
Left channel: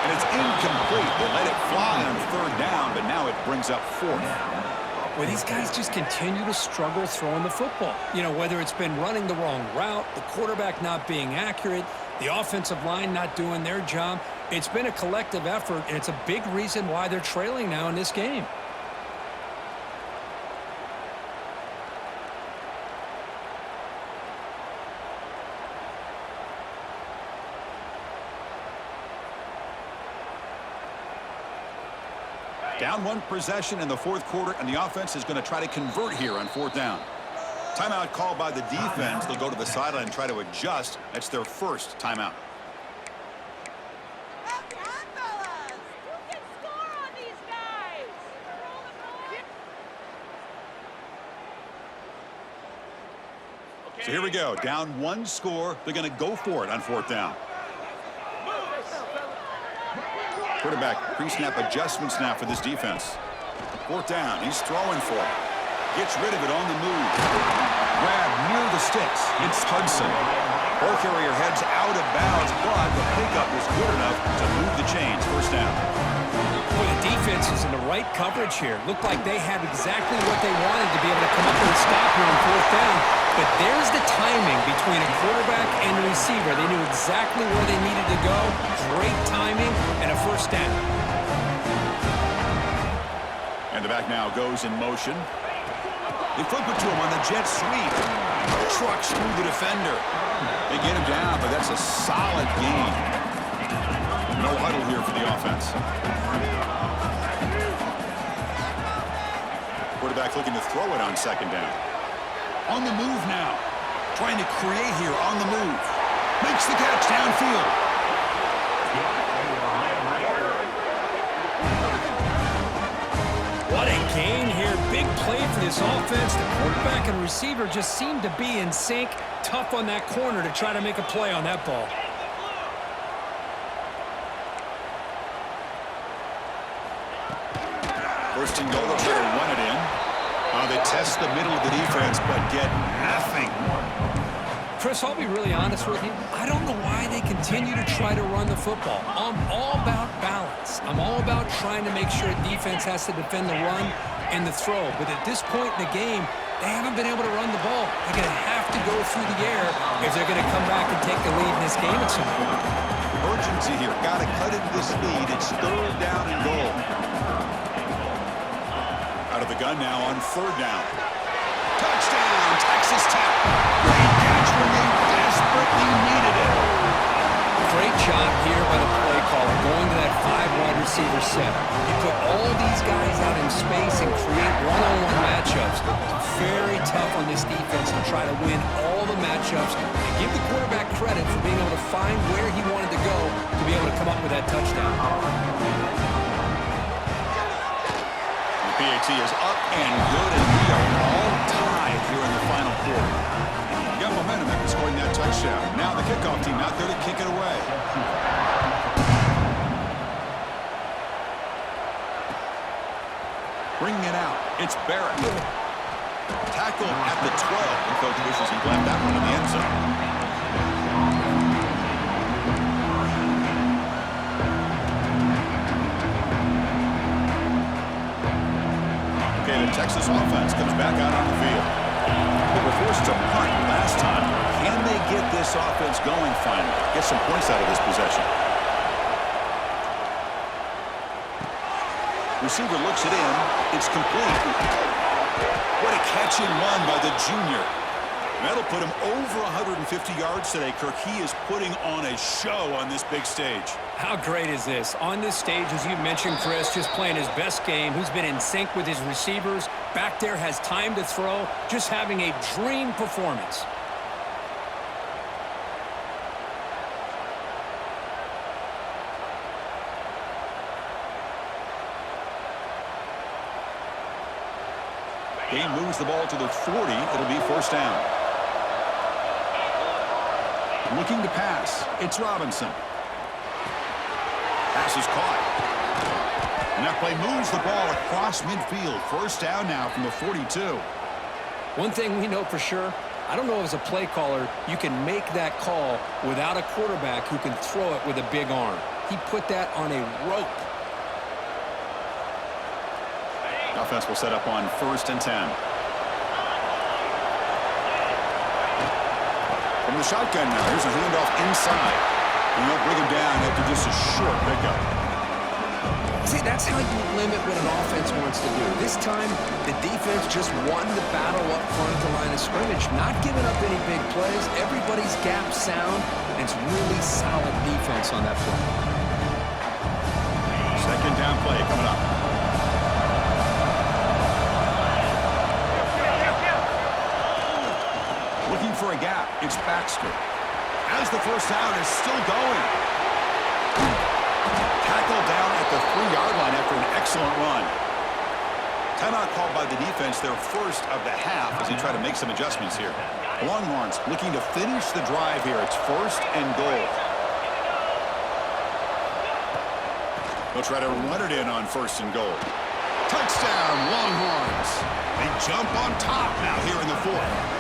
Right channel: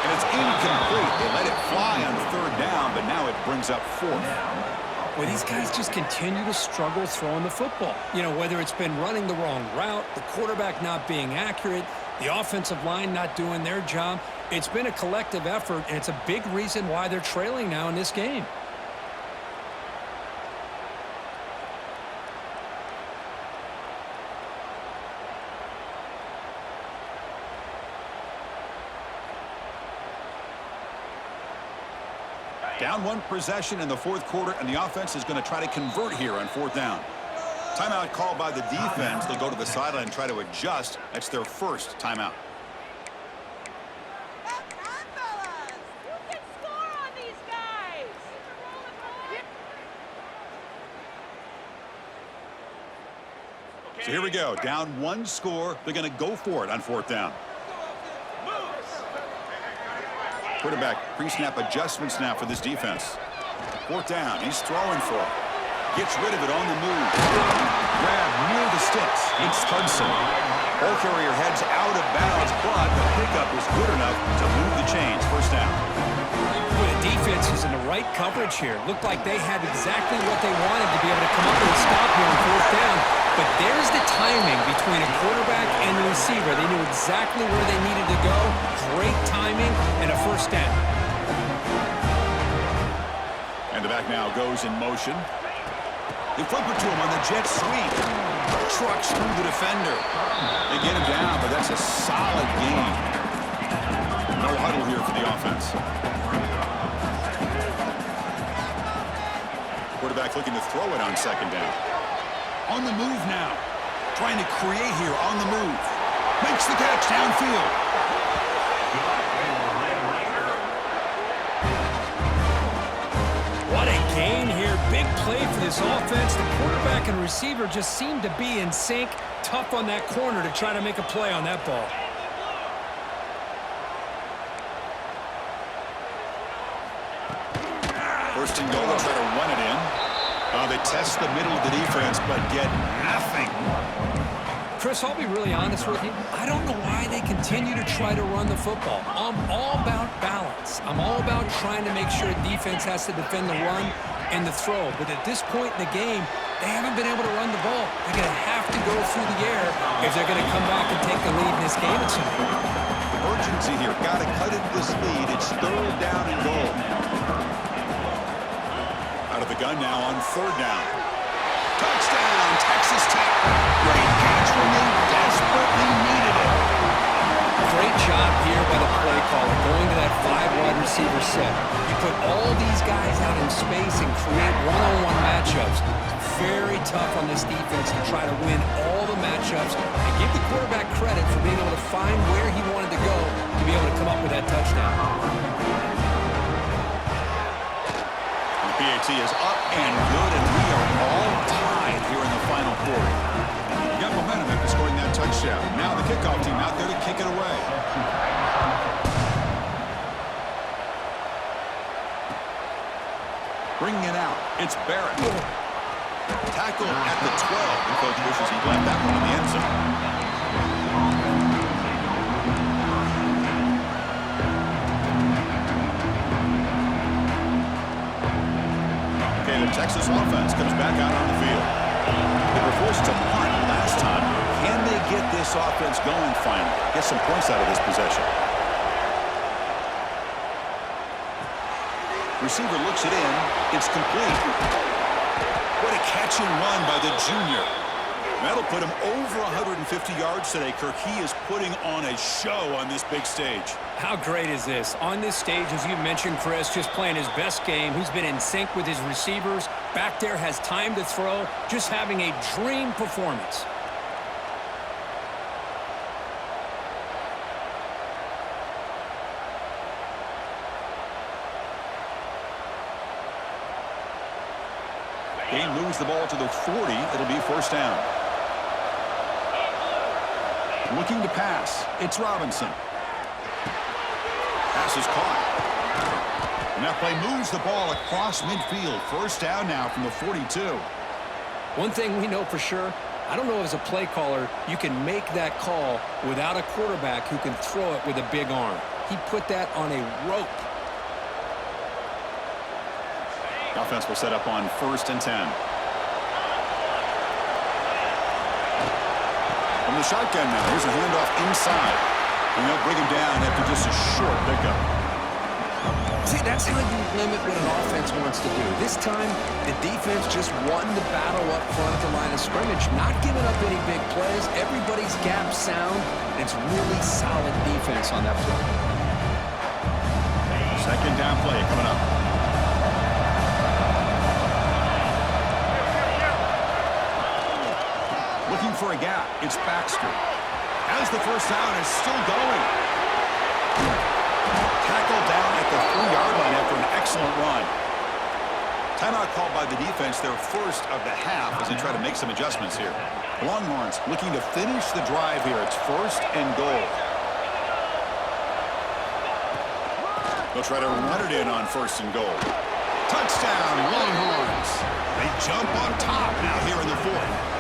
And it's incomplete. They let it fly on 3rd down, but now it brings up 4th. Well, these guys just continue to struggle throwing the football. Whether it's been running the wrong route, the quarterback not being accurate, the offensive line not doing their job. It's been a collective effort, and it's a big reason why they're trailing now in this game. Down 1 possession in the 4th quarter, and the offense is going to try to convert here on 4th down. Timeout called by the defense. They'll go to the sideline and try to adjust. That's their first timeout. So here we go. Down 1 score. They're going to go for it on 4th down. Quarterback pre-snap adjustment snap for this defense. 4th down. He's throwing for it. Gets rid of it on the move. Grab near the sticks. It's Hudson. Ball carrier heads out of bounds, but the pickup is good enough to move the chains. 1st down. Well, the defense is in the right coverage here. Looked like they had exactly what they wanted to be able to come up with a stop here on 4th down. But there's the timing between a quarterback and the receiver. They knew exactly where they needed to go. Great timing and a 1st down. And the back now goes in motion. They flip it to him on the jet sweep. Trucks through the defender. They get him down, but that's a solid gain. No huddle here for the offense. Quarterback looking to throw it on 2nd down. On the move now. Trying to create here on the move. Makes the catch downfield. What a gain here. Big play for this offense. The quarterback and receiver just seem to be in sync. Tough on that corner to try to make a play on that ball. First and goal, they'll try to run it in. They test the middle of the defense, but get nothing. Chris, I'll be really honest with you. I don't know why they continue to try to run the football. I'm all about balance. I'm all about trying to make sure defense has to defend the run and the throw. But at this point in the game, they haven't been able to run the ball. They're going to have to go through the air if they're going to come back and take the lead in this game at some point. Urgency here. Got to cut into this lead. It's 3rd down and goal. Out of the gun now on 3rd down. Touchdown, Texas Tech. Great catch when they desperately needed it. Great job here by the play caller, going to that 5 wide receiver set. You put all these guys out in space and create one-on-one matchups. It's very tough on this defense to try to win all the matchups and give the quarterback credit for being able to find where he wanted to go to be able to come up with that touchdown. The PAT is up and good, and we are all tied here in the final quarter. You got momentum after scoring that touchdown. Now the kickoff team out there to kick it away. Bringing it out, it's Barrett. Tackled at the 12. The coach wishes he'd left that one in the end zone. Okay, the Texas offense comes back out on the field. They were forced to punt last time. Can they get this offense going finally? Get some points out of this possession. Receiver looks it in. It's complete. What a catch and run by the junior. That'll put him over 150 yards today, Kirk. He is putting on a show on this big stage. How great is this? On this stage, as you mentioned, Chris, just playing his best game. Who's been in sync with his receivers. Back there, has time to throw. Just having a dream performance. Gain moves the ball to the 40. It'll be first down. Looking to pass. It's Robinson. Pass is caught. And that play moves the ball across midfield. First down now from the 42. One thing we know for sure, I don't know as a play caller, you can make that call without a quarterback who can throw it with a big arm. He put that on a rope. The offense will set up on 1st and 10. From the shotgun now, here's a handoff inside. And they'll bring him down after just a short pickup. See, that's how you limit what an offense wants to do. This time, the defense just won the battle up front at the line of scrimmage, not giving up any big plays. Everybody's gap sound, and it's really solid defense on that play. Second down play coming up. Looking for a gap. It's Baxter. As the first down is still going. Tackled down at the 3-yard line after an excellent run. Timeout called by the defense, their first of the half, as they try to make some adjustments here. Longhorns looking to finish the drive here. It's 1st and goal. They'll try to run it in on 1st and goal. Touchdown, Longhorns. They jump on top now here in the 4th.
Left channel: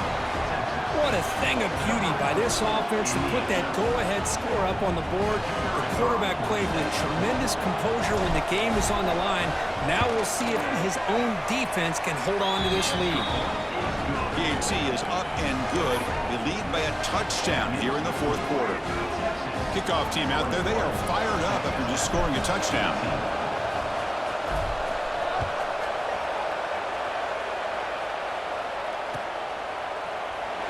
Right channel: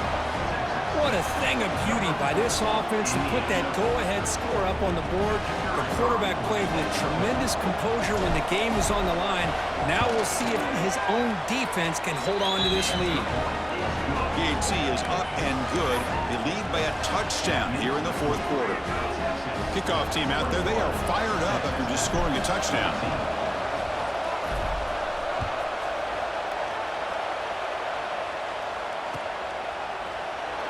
What a thing of beauty by this offense to put that go-ahead score up on the board. The quarterback played with tremendous composure when the game was on the line. Now we'll see if his own defense can hold on to this lead. PAT is up and good. They lead by a touchdown here in the 4th quarter. Kickoff team out there, they are fired up after just scoring a touchdown.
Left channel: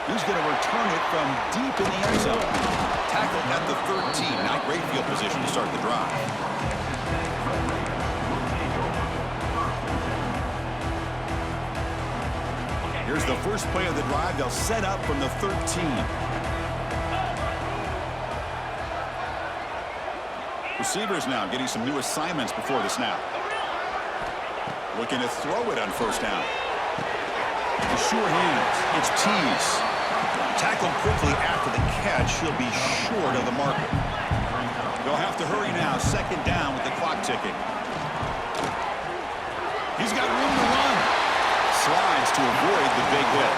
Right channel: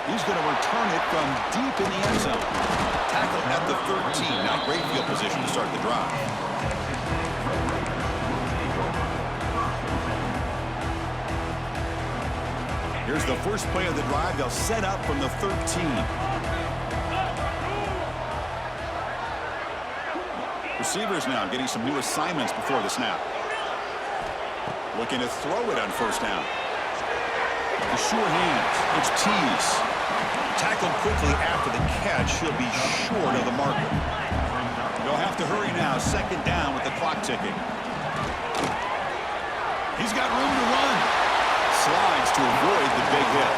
He's going to return it from deep in the end zone. Tackled at the 13. Now great field position to start the drive. Here's the first play of the drive. They'll set up from the 13. Receivers now getting some new assignments before the snap. Looking to throw it on first down. The sure hands. It's Tease. Tackled quickly after the catch. He'll be short of the marker. They'll have to hurry now. Second down with the clock ticking. He's got room to run. Slides to avoid the big hit.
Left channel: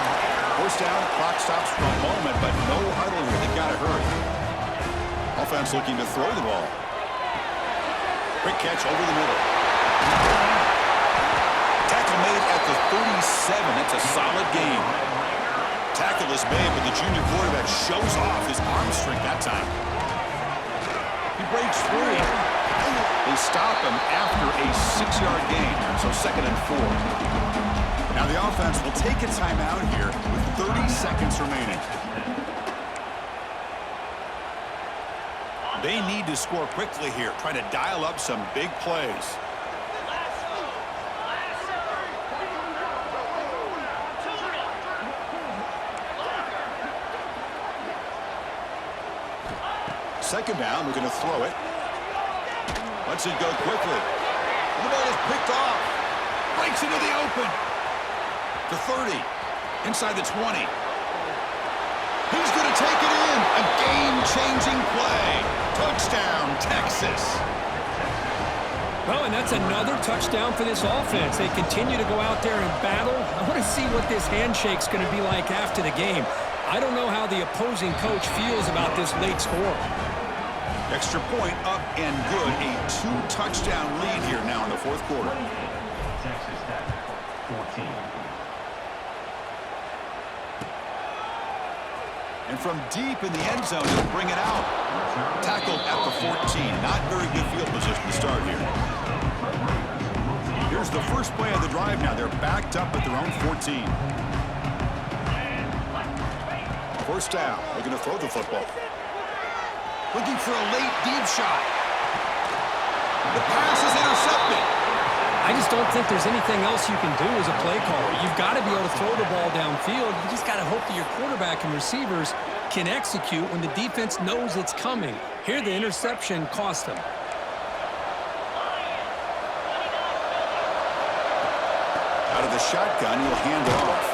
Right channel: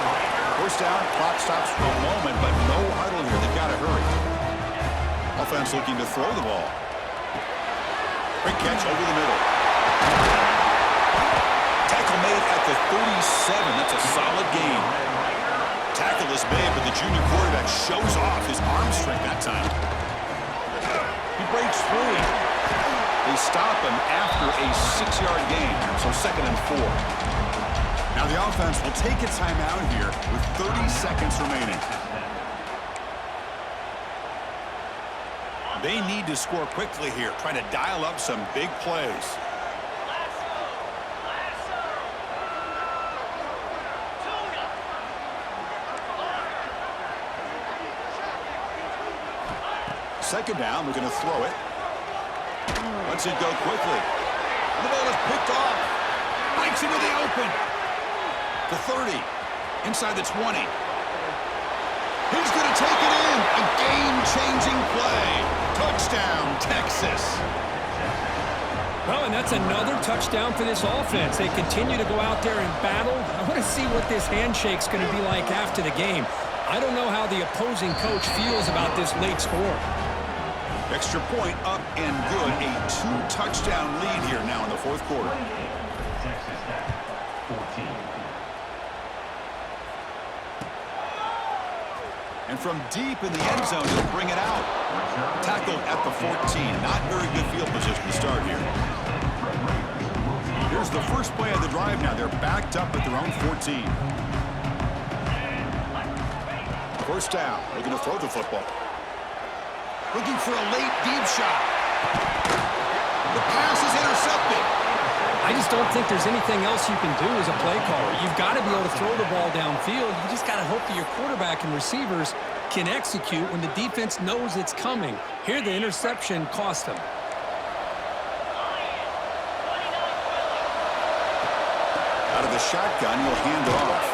First down. Clock stops for a moment, but no huddle here. They've got to hurry. Offense looking to throw the ball. Quick catch over the middle. Tackle made at the 37. That's a solid gain. Tackle is made, but the junior quarterback shows off his arm strength that time. He breaks free. They stop him after a 6-yard gain, so 2nd and 4. Now the offense will take a timeout here with 30 seconds remaining. They need to score quickly here, trying to dial up some big plays. Second down, we're going to throw it. Lets it go quickly. And the ball is picked off. Breaks into the open. The 30. Inside the 20. He's going to take it in. A game-changing play. Touchdown, Texas. Well, and that's another touchdown for this offense. They continue to go out there and battle. I want to see what this handshake's going to be like after the game. I don't know how the opposing coach feels about this late score. Extra point up and good. A 2-touchdown lead here now in the fourth quarter. Texas Tech, 14. And from deep in the end zone, he'll bring it out. Tackled at the 14. Not very good field position to start here. Here's the first play of the drive now. They're backed up at their own 14. First down. Looking to throw the football. Looking for a late deep shot. The pass is intercepted. I just don't think there's anything else you can do as a play caller. You've got to be able to throw the ball downfield. You just got to hope that your quarterback and receivers can execute when the defense knows it's coming. Here, the interception cost them. Out of the shotgun, he'll hand it off.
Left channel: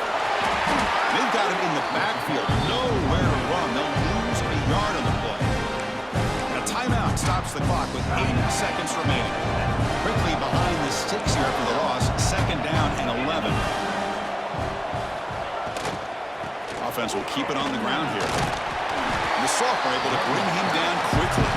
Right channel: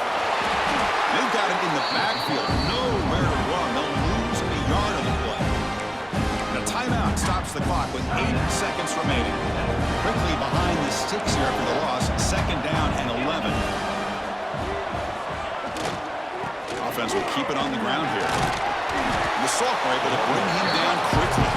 They've got him in the backfield. Nowhere to run. They'll lose a yard on the play. And a timeout stops the clock with 8 seconds remaining. Quickly behind the sticks here after the loss. Second down and 11. Offense will keep it on the ground here. And the sophomore able to bring him down quickly.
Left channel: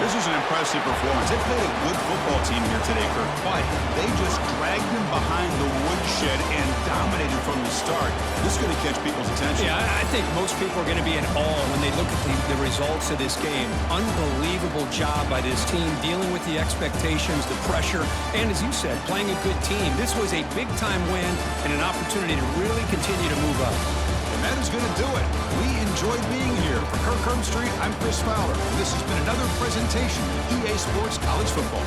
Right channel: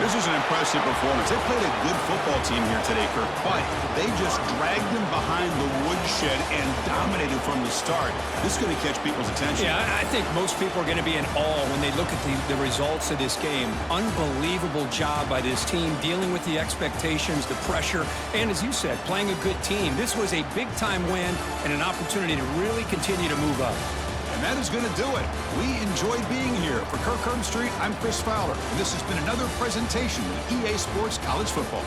This is an impressive performance. They played a good football team here today, Kirk, but they just dragged them behind the woodshed and dominated from the start. This is going to catch people's attention. Yeah, I think most people are going to be in awe when they look at the results of this game. Unbelievable job by this team dealing with the expectations, the pressure, and as you said, playing a good team. This was a big-time win and an opportunity to really continue to move up. And that is going to do it. We enjoyed being here. For Kirk Herbstreit, I'm Chris Fowler. And this has been another presentation of EA Sports College Football.